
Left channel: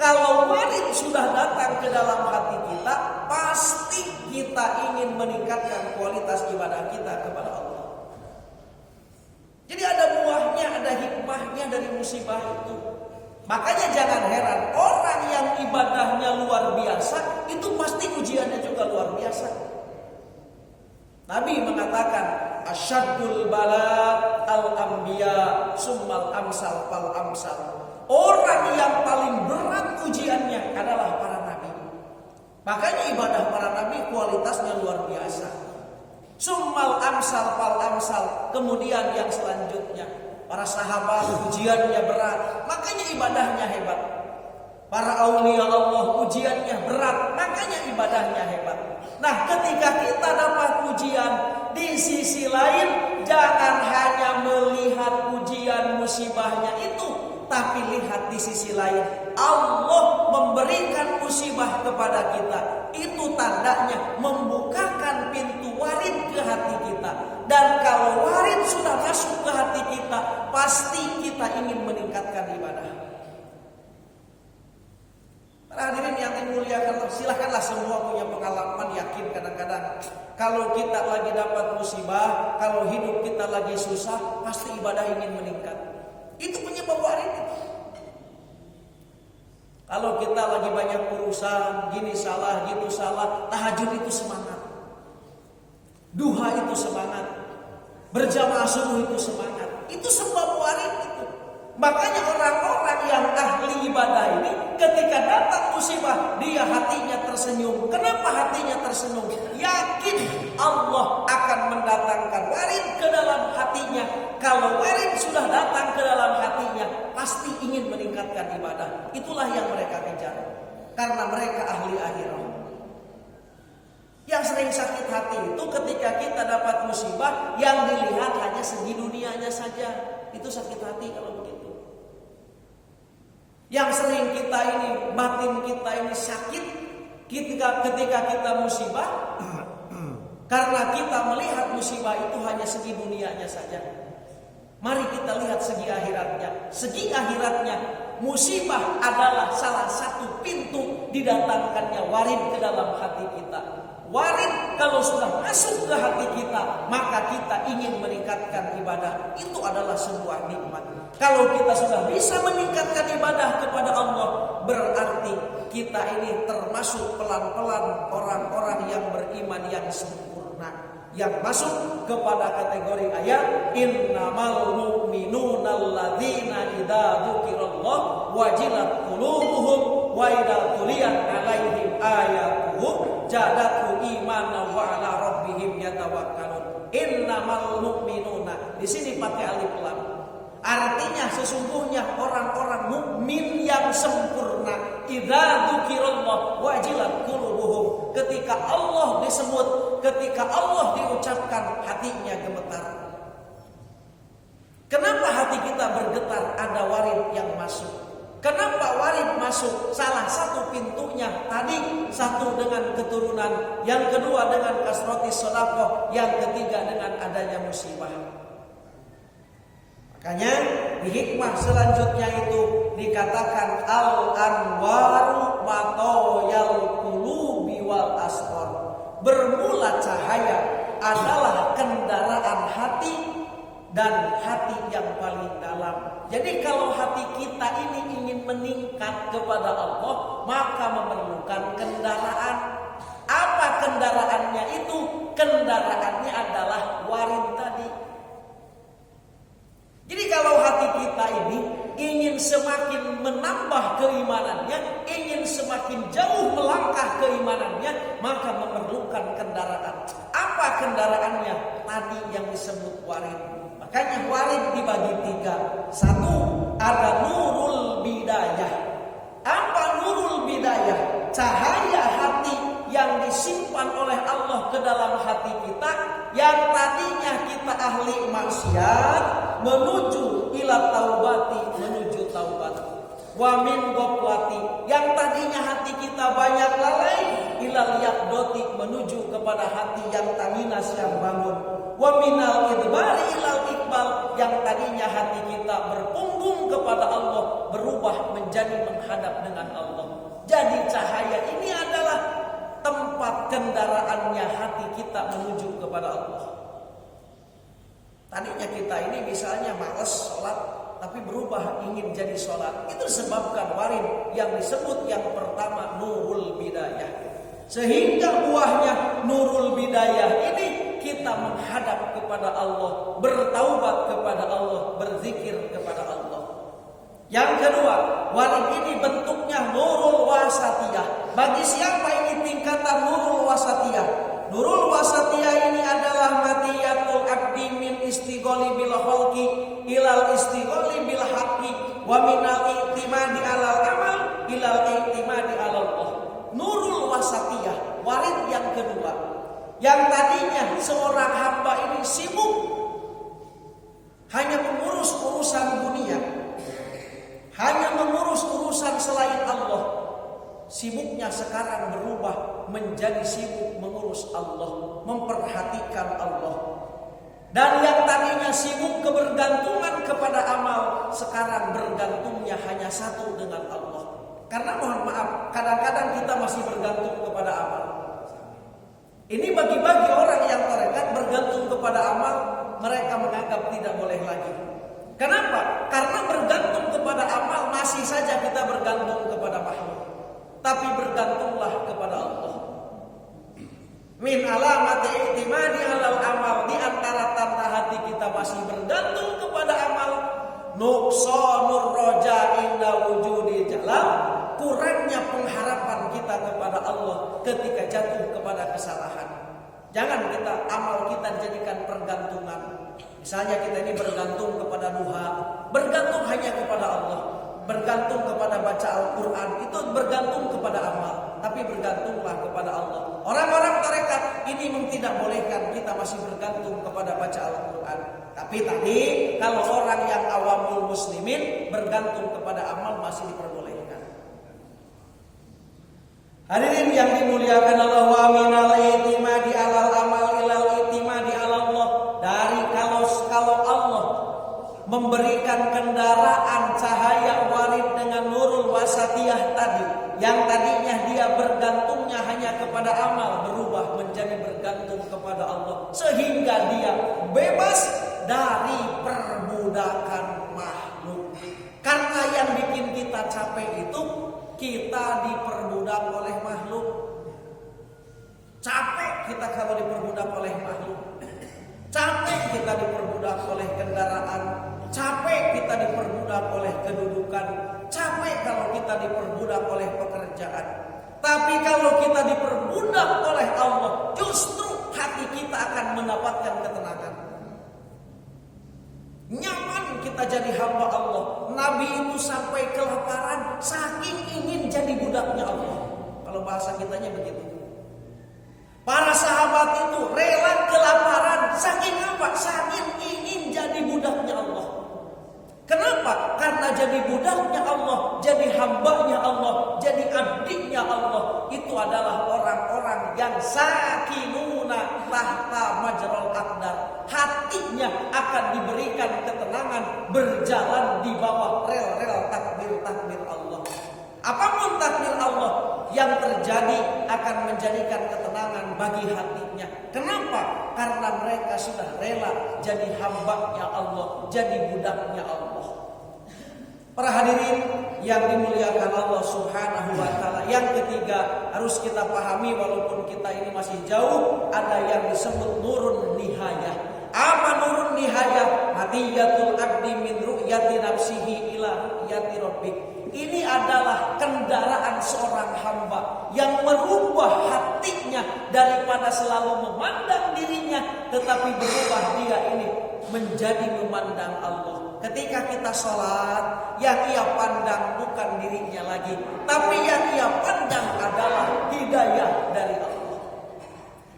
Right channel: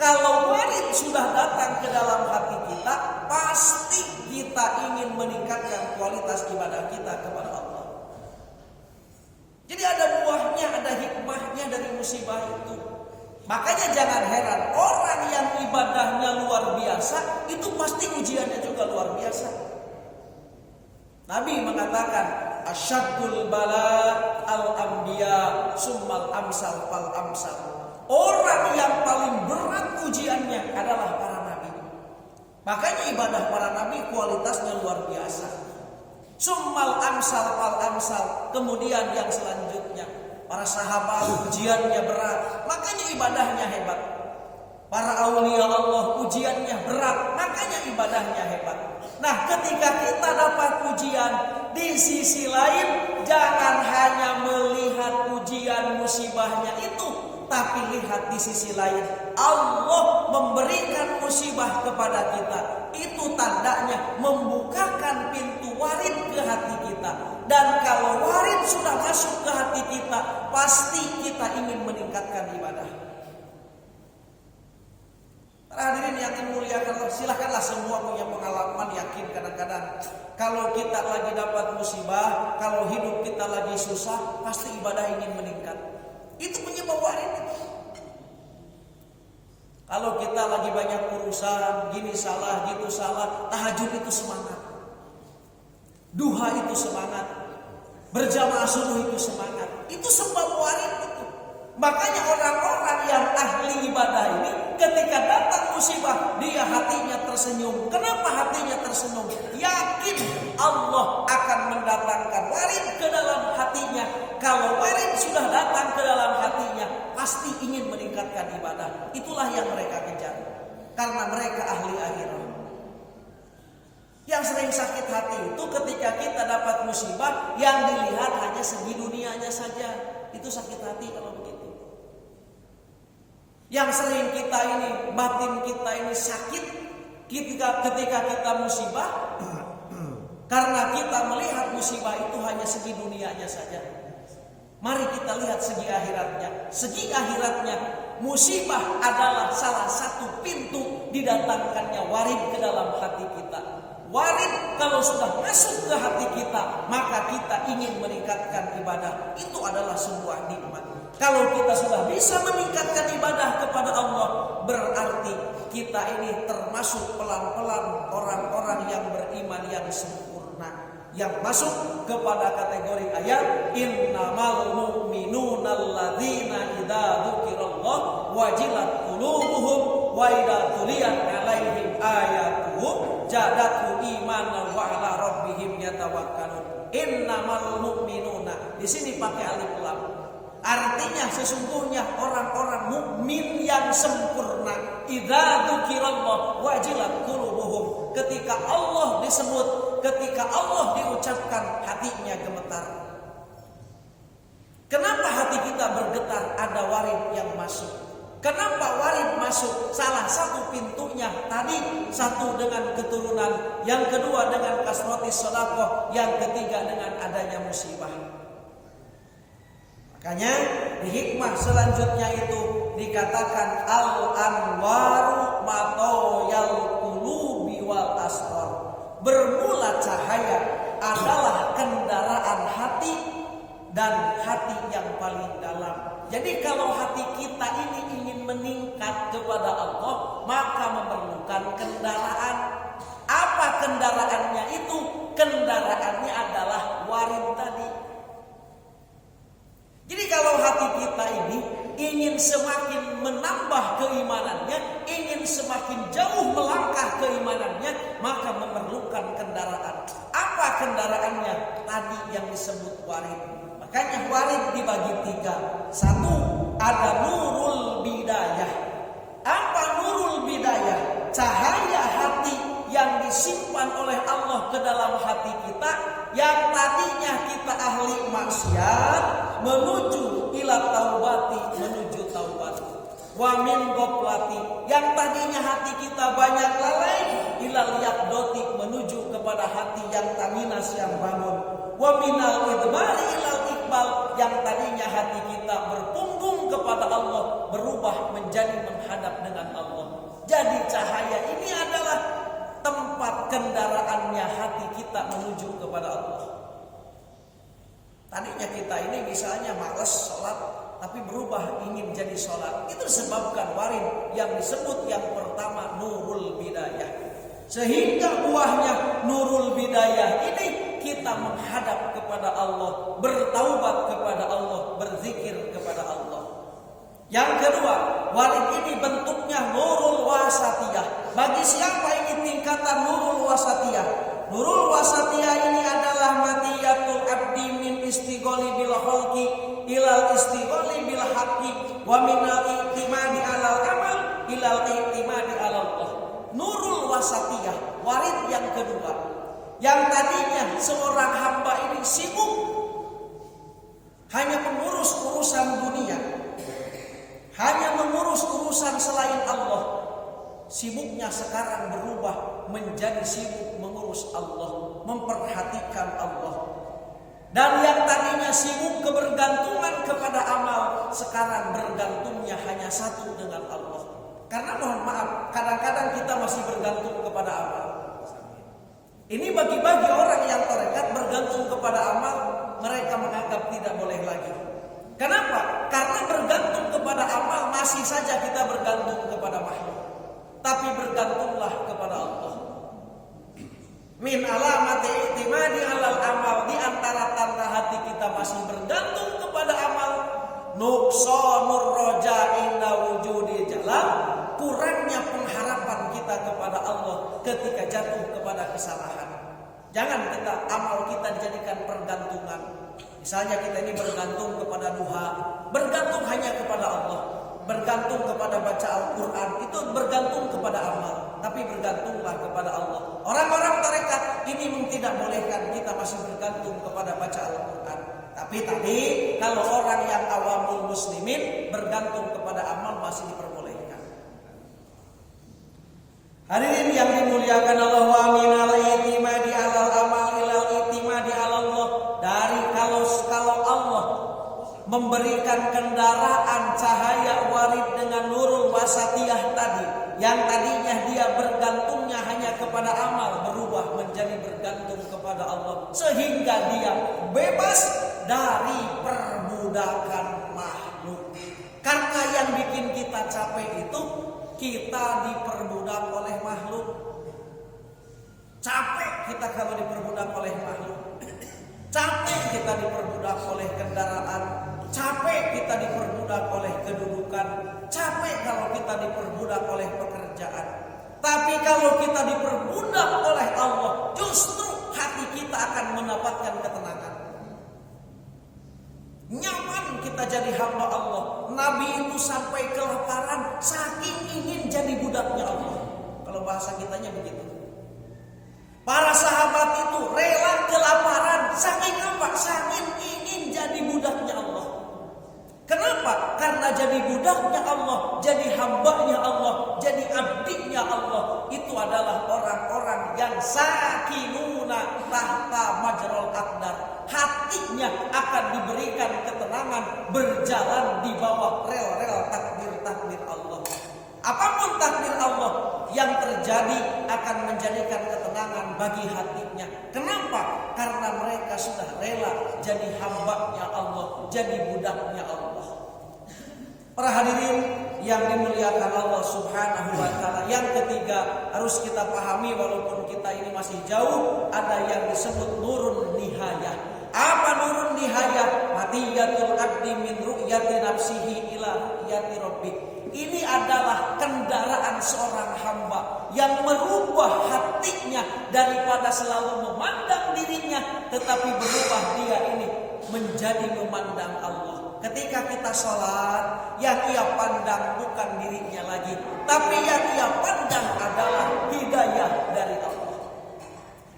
Kalau warid sudah datang ke dalam hati kita, pasti kita ingin meningkatkan kualitas ibadah kita kepada Allah. Jadi ada buahnya, ada hikmahnya dari musibah itu. Makanya jangan heran orang yang ibadahnya luar biasa itu pasti ujiannya juga luar biasa. Nabi mengatakan asyaddul bala al-anbiya summal amsal fal amsal. Orang yang paling berat ujiannya adalah para nabi. Makanya ibadah para nabi kualitasnya luar biasa. Summal amsal fal amsal. Kemudian yang selanjutnya, para sahabat ujiannya berat, makanya ibadahnya hebat. Para aulia Allah ujiannya berat, makanya ibadahnya hebat. Nah, ketika kita dapat ujian, di sisi lain jangan hanya melihat ujian musibahnya itu, tapi lihat di sisi lain Allah memberikan musibah kepada kita. Itu tandanya membukakan pintu warid ke hati kita. Dan kalau warid sudah masuk ke hati kita, pasti kita ingin meningkatkan ibadah. Para hadirin yang dimuliakan Allah, silakanlah semua punya pengalaman, yakin kadang-kadang kalau kita lagi dapat musibah, kalau hidup kita lagi susah, pasti ibadah ingin meningkat. Itu penyebab warid itu. Kalau kita lagi banyak urusan, gini salah, gitu salah, tahajud itu semangat. Duha itu semangat. Berjamaah subuh itu semangat. Itu sebab warid itu. Makanya orang-orang yang ahli ibadah ini ketika datang musibah, dia hatinya tersenyum. Kenapa hatinya tersenyum? Yakin Allah akan mendatangkan warid ke dalam hatinya. Kalau warid sudah datang ke dalam hatinya, pasti ingin meningkatkan ibadah. Itulah yang mereka kejar. Karena mereka ahli akhirat. Yang sering sakit hati itu ketika kita dapat musibah yang dilihat hanya segi dunianya saja. Itu sakit hati kalau begitu. Yang sering kita ini, batin kita ini sakit ketika kita musibah, karena kita melihat musibah itu hanya segi dunianya saja. Mari kita lihat segi akhiratnya. Segi akhiratnya, musibah adalah salah satu pintu didatangkannya warid ke dalam hati kita. Warid kalau sudah masuk ke hati kita, maka kita ingin meningkatkan ibadah. Itu adalah sebuah nikmat. Kalau kita sudah bisa meningkatkan ibadah kepada Allah, berarti kita ini termasuk pelan-pelan orang-orang yang beriman yang sempurna, yang masuk kepada kategori ayat innamal mu'minuna alladzina idza dzukirallah wajilat qulubuhum wa idza tuliyat alaihim ayatuhu zadatuhum imanan wa ala rabbihim yatawakkalun. Innamal mu'minuna, di sini pakai alif lam. Artinya sesungguhnya orang-orang mukmin yang sempurna. Idza dzukirallah wajilat qulubuhum. Ketika Allah disebut, ketika Allah diucapkan, hatinya gemetar. Kenapa hati kita bergetar? Ada warid yang masuk. Kenapa warid masuk? Salah satu pintunya tadi, satu dengan keturunan, yang kedua dengan kasrotis sedekah, yang ketiga dengan adanya musibah. Makanya di hikmah selanjutnya itu dikatakan al-anwaru matoyal qulubi wal asrar. Bermula cahaya adalah kendaraan hati dan hati yang paling dalam. Jadi kalau hati kita ini ingin meningkat kepada Allah, maka memerlukan kendaraan. Apa kendaraannya itu? Kendaraannya adalah warid tadi. Jadi kalau hati kita ini ingin semakin menambah keimanannya, ingin semakin jauh melangkah keimanannya, maka memerlukan kendaraan. Apa kendaraannya? Tadi yang disebut warid. Makanya warid dibagi tiga. Satu, ada nurul bidayah. Apa nurul bidayah? Cahaya hati yang disimpan oleh Allah ke dalam hati kita, yang tadinya kita ahli maksiat, menuju ila taubati, menuju taubat. Wa min goflati, yang tadinya hati kita banyak lalai, ilal yaqdoti, menuju kepada hati yang tanginas, yang bangun. Wa minal idbari ilal iqbal, yang tadinya hati kita berpunggung kepada Allah, berubah menjadi menghadap dengan Allah. Jadi cahaya ini adalah tempat kendaraannya hati kita menuju kepada Allah. Tadinya kita ini misalnya malas sholat, tapi berubah ingin jadi sholat. Itu disebabkan warid yang disebut yang pertama nurul bidayah. Sehingga buahnya nurul bidayah ini kita menghadap kepada Allah, bertaubat kepada Allah, berzikir kepada Allah. Yang kedua, warid ini bentuknya nurul wasatiyah. Bagi siapa ini tingkatan nurul wasatiyah? Nurul wasatiyah ini adalah matiyatul abdi min istigholi bil khalqi ilal istigholi bil haqqi wa minal i'timadi alal amal ilal i'timadi alal Allah. Nurul wasatiyah, warid yang kedua. Yang tadinya seorang hamba ini sibuk hanya mengurus urusan dunia, hanya mengurus urusan selain Allah. Sibuknya sekarang berubah menjadi sibuk mengurus Allah, memperhatikan Allah. Dan yang tadinya sibuk kebergantungan kepada amal, sekarang bergantungnya hanya satu dengan Allah. Karena mohon maaf, kadang-kadang kita masih bergantung kepada amal. Ini bagi-bagi orang yang tarekat bergantung kepada amal, mereka menganggap tidak boleh lagi. Kenapa? Karena bergantung kepada amal masih saja kita bergantung kepada makhluk. Tapi bergantunglah kepada Allah. Min alamati i'timadi alal amal, di antara tanda hati kita masih bergantung kepada amal, nuqsanur raja inda wujudi jalal, kurangnya pengharapan kita kepada Allah ketika jatuh kepada kesalahan. Jangan kita amal kita dijadikan pergantungan. Misalnya kita ini bergantung kepada duha, bergantung hanya kepada Allah. Bergantung kepada baca Al-Quran, itu bergantung kepada amal. Tapi bergantunglah kepada Allah. Orang-orang tarekat ini memang tidak bolehkan kita masih bergantung kepada baca Al-Quran. Tapi tadi kalau orang yang awamul muslimin bergantung kepada amal masih diperbolehkan. Hadirin yang dimuliakan Allah, wa minal i'timadi alal amal ilal i'timadi alallah. Dari kalau Allah memberikan kendaraan cahaya warid dengan nurul wasatiyah tadi, yang tadinya dia bergantungnya hanya kepada amal, berubah menjadi bergantung kepada Allah, sehingga dia bebas dari perbudakan makhluk. Karena yang bikin kita capek itu kita diperbudak oleh makhluk. Capek kita kalau diperbudak oleh makhluk. Capek kita diperbudak oleh kendaraan, capek kita diperbudak oleh kedudukan, capek kalau kita diperbudak oleh pekerjaan. Tapi kalau kita diperbudak oleh Allah, justru hati kita akan mendapatkan ketenangan. Nyaman kita jadi hamba Allah. Nabi itu sampai kelaparan saking ingin jadi budaknya Allah. Kalau bahasa kitanya begitu. Para sahabat itu rela kelaparan saking apa? Saking ingin jadi budaknya Allah. Kenapa? Karena jadi budaknya Allah, jadi hambanya Allah, jadi abdinya Allah, itu adalah orang-orang yang sakinuna tahta majrul aqdar. Hatinya akan diberikan ketenangan berjalan di bawah rel-rel takdir-takdir Allah. Apapun takdir Allah yang terjadi akan menjadikan ketenangan bagi hatinya. Kenapa? Karena mereka sudah rela jadi hambanya Allah, jadi budaknya Allah. Para hadirin yang dimuliakan Allah Subhanahu wa taala, yang ketiga harus kita pahami walaupun kita ini masih jauh, ada yang disebut nurun nihayah. Apa nurun nihayah? Matiyatul abdi min ru'yati nafsihi ila ru'yati rabbih. Ini adalah kendaraan seorang hamba yang merubah hatinya daripada selalu memandang dirinya, tetapi berubah dia ini menjadi memandang Allah. Ketika kita sholat, yang ia pandang bukan dirinya lagi, tapi yang ia pandang adalah hidayah dari Allah.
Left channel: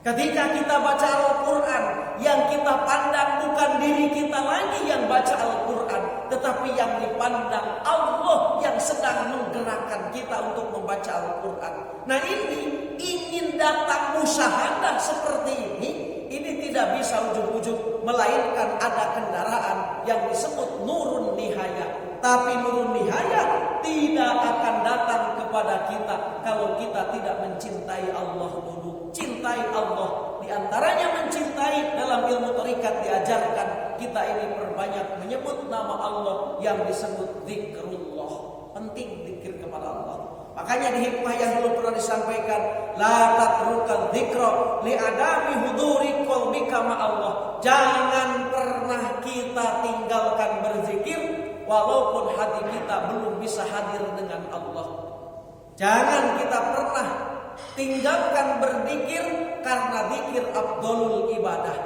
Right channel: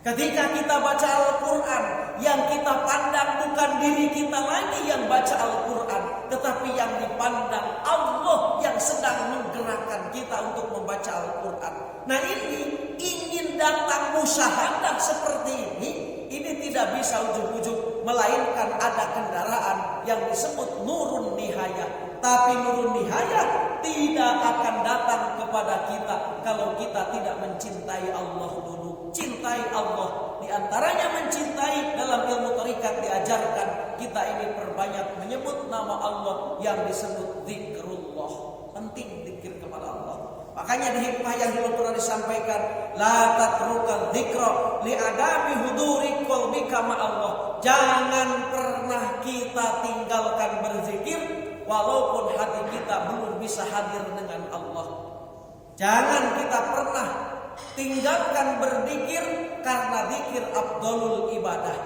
Ketika kita baca Al-Quran, yang kita pandang bukan diri kita lagi yang baca Al-Quran, tetapi yang dipandang Allah yang sedang menggerakkan kita untuk membaca Al-Quran. Nah ini ingin datang musyahadah seperti ini tidak bisa ujug-ujug, melainkan ada kendaraan yang disebut nurun nihayah. Tapi nurun nihayah tidak akan datang kepada kita kalau kita tidak mencintai Allah dulu. Cintai Allah, di antaranya mencintai, dalam ilmu thariqat diajarkan kita ini perbanyak menyebut nama Allah yang disebut zikrullah. Penting zikir kepada Allah. Makanya di hikmah yang dulu pernah disampaikan, la tatrukal dzikra li adami huduri qalbika ma Allah. Jangan pernah kita tinggalkan berzikir walaupun hati kita belum bisa hadir dengan Allah. Jangan kita pernah tinggalkan berzikir, karena zikir afdhalul ibadah.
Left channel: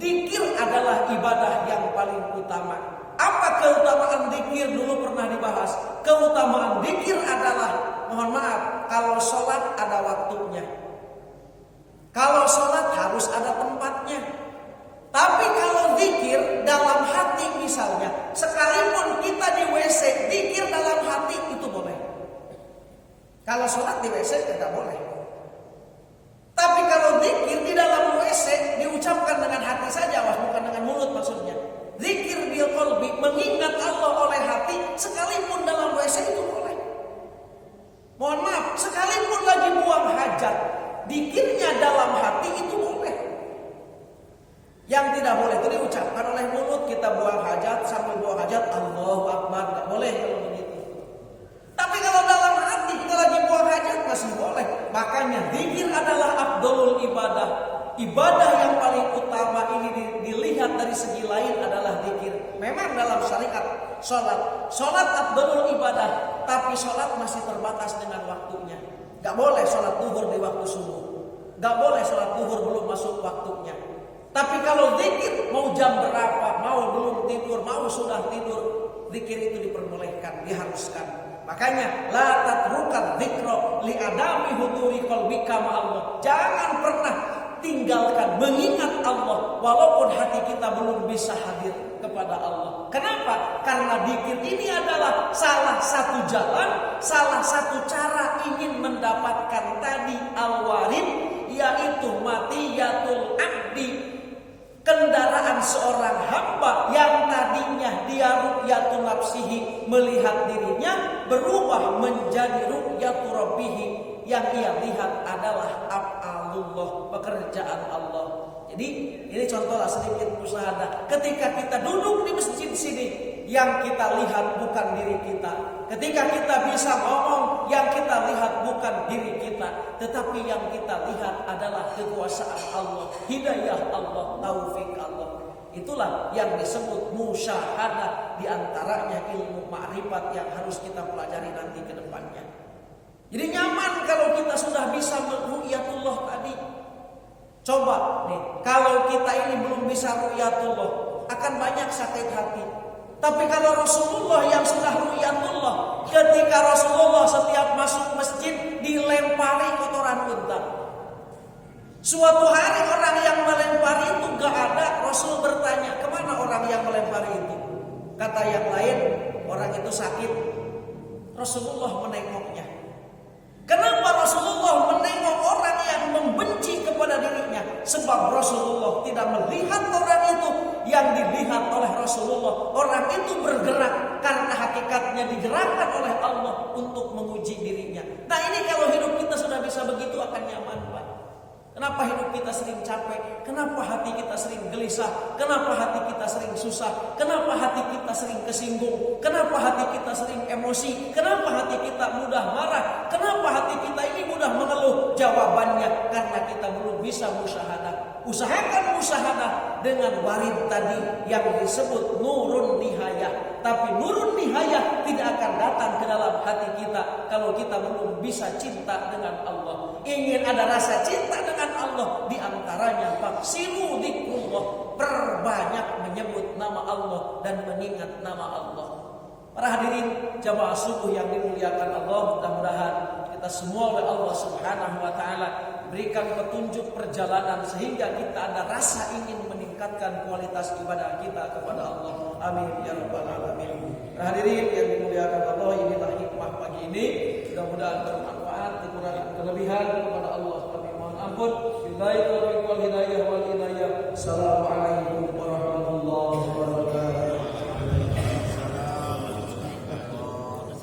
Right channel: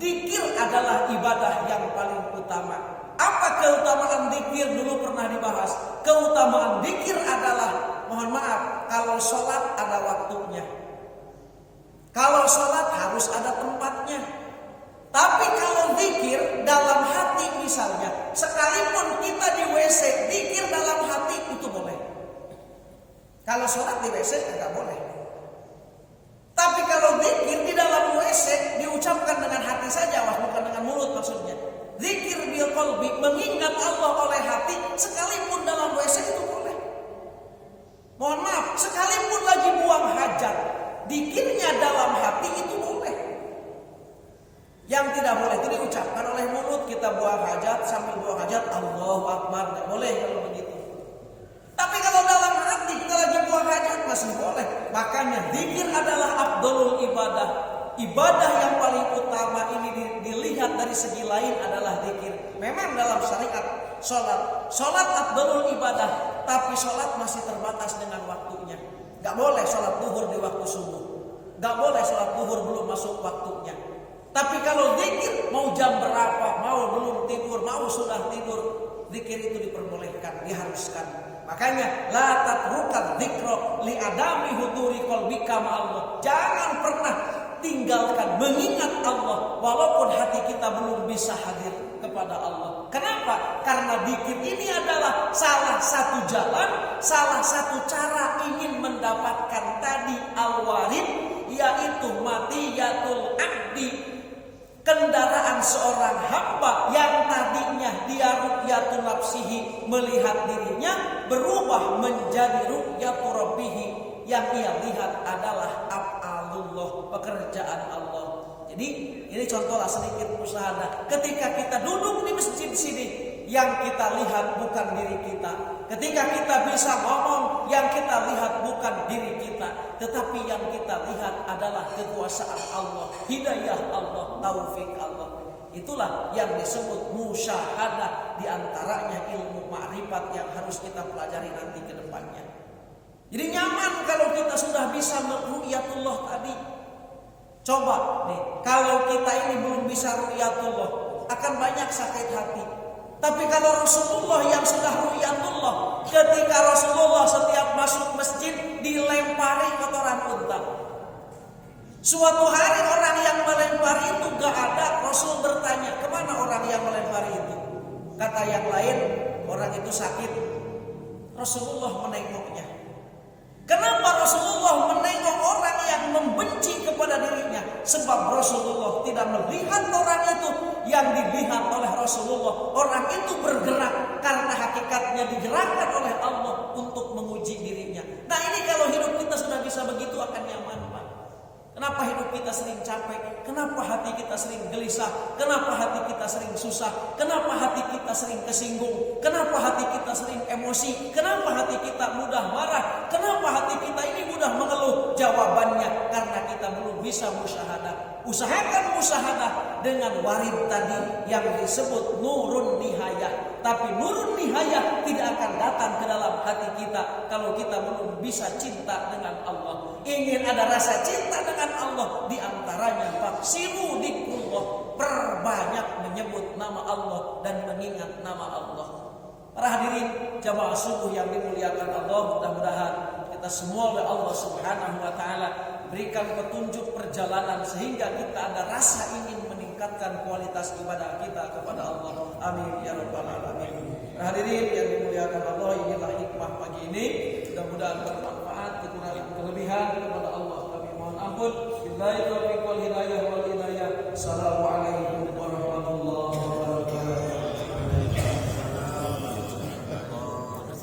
Zikir adalah ibadah yang paling utama. Apa keutamaan zikir? Dulu pernah dibahas. Keutamaan zikir adalah, mohon maaf, kalau sholat ada waktunya. Kalau sholat harus ada tempatnya. Tapi kalau zikir dalam hati misalnya, sekalipun kita di WC, zikir dalam hati itu boleh. Kalau sholat di WC tidak boleh. Tapi kalau zikir di dalam WC diucapkan dengan hati saja, bukan dengan mulut maksudnya. Zikir bil qalbi, mengingat Allah oleh hati, sekalipun dalam WC itu boleh. Mohon maaf, sekalipun lagi buang hajat, zikirnya dalam hati itu boleh. Yang tidak boleh itu diucapkan oleh mulut. Kita buang hajat, sambil buang hajat Allahu Akbar, tidak boleh kalau begitu. Tapi kalau dalam hati kita lagi buang hajat masih boleh. Makanya zikir adalah afdhalul ibadah. Ibadah yang paling utama ini dilihat dari segi lain adalah zikir. Memang dalam syariat sholat afdhalul ibadah, tapi sholat masih terbatas dengan waktunya. Gak boleh sholat zuhur di waktu subuh. Gak boleh sholat zuhur belum masuk waktunya. Tapi kalau zikir mau jam berapa, mau belum tidur, mau sudah tidur, zikir itu diperbolehkan, diharuskan. Makanya la tatrukan dzikra li adami huduri qalbika ma'allah. Jangan pernah tinggalkan mengingat Allah walaupun hati kita belum bisa hadir kepada Allah. Kenapa? Karena zikir ini adalah salah satu jalan, salah satu cara ingin mendapatkan tadi al-warid, yaitu matiyatul abdi, kendaraan seorang hamba yang tadinya dia ru'yatu nafsihi, melihat dirinya, berubah menjadi ru'yatu rabbihi, yang ia lihat adalah af'alullah, pekerjaan Allah. Jadi ini contohlah sedikit musyahadah. Ketika kita duduk di masjid sini, yang kita lihat bukan diri kita. Ketika kita bisa ngomong, yang kita lihat bukan diri kita, tetapi yang kita lihat adalah kekuasaan Allah, hidayah Allah, taufik Allah. Itulah yang disebut musyahadah, diantaranya ilmu ma'rifat yang harus kita pelajari nanti ke depannya. Jadi nyaman kalau kita sudah bisa ru'yatullah tadi. Coba nih, kalau kita ini belum bisa ru'yatullah, akan banyak sakit hati. Tapi kalau Rasulullah yang sudah ru'yatullah, ketika Rasulullah setiap masuk masjid dilempari kotoran unta. Suatu hari orang yang melempari itu gak ada. Rasul bertanya, kemana orang yang melempari itu? Kata yang lain, orang itu sakit. Rasulullah menengoknya. Kenapa Rasulullah menengok orang yang membenci kepada dirinya? Sebab Rasulullah tidak melihat orang itu, yang dilihat oleh Rasulullah. Orang itu bergerak karena hakikatnya digerakkan oleh Allah untuk menguji dirinya. Nah ini kalau hidup kita sudah bisa begitu akan nyaman, Pak. Kenapa hidup kita sering capek? Kenapa hati kita sering gelisah? Kenapa hati kita sering susah? Kenapa hati kita sering kesinggung? Kenapa hati kita sering emosi? Kenapa hati kita mudah marah? Kenapa hati kita ini mudah mengeluh? Jawabannya karena kita belum bisa musyahadah. Usahakan musyahadah dengan warid tadi yang disebut nurun nihayah. Tapi nurun nihayah tidak akan datang ke dalam hati kita kalau kita belum bisa cinta dengan Allah. Ingin ada rasa cinta dengan Allah, di antaranya faksiru dzikrullah, perbanyak menyebut nama Allah dan mengingat nama Allah. Para hadirin jamaah subuh yang dimuliakan Allah, mudah-mudahan kita semua oleh Allah Subhanahu wa taala berikan petunjuk perjalanan sehingga kita ada rasa ingin meningkatkan kualitas ibadah kita kepada Allah. Amin ya rabbal alamin. Hadirin yang dimuliakan Allah, inilah hikmah pagi ini. Mudah-mudahan bermanfaat, kekurangan kelebihan kepada Allah kami mohon ampun. Billahi taufiq wal hidayah wal inayah. Assalamualaikum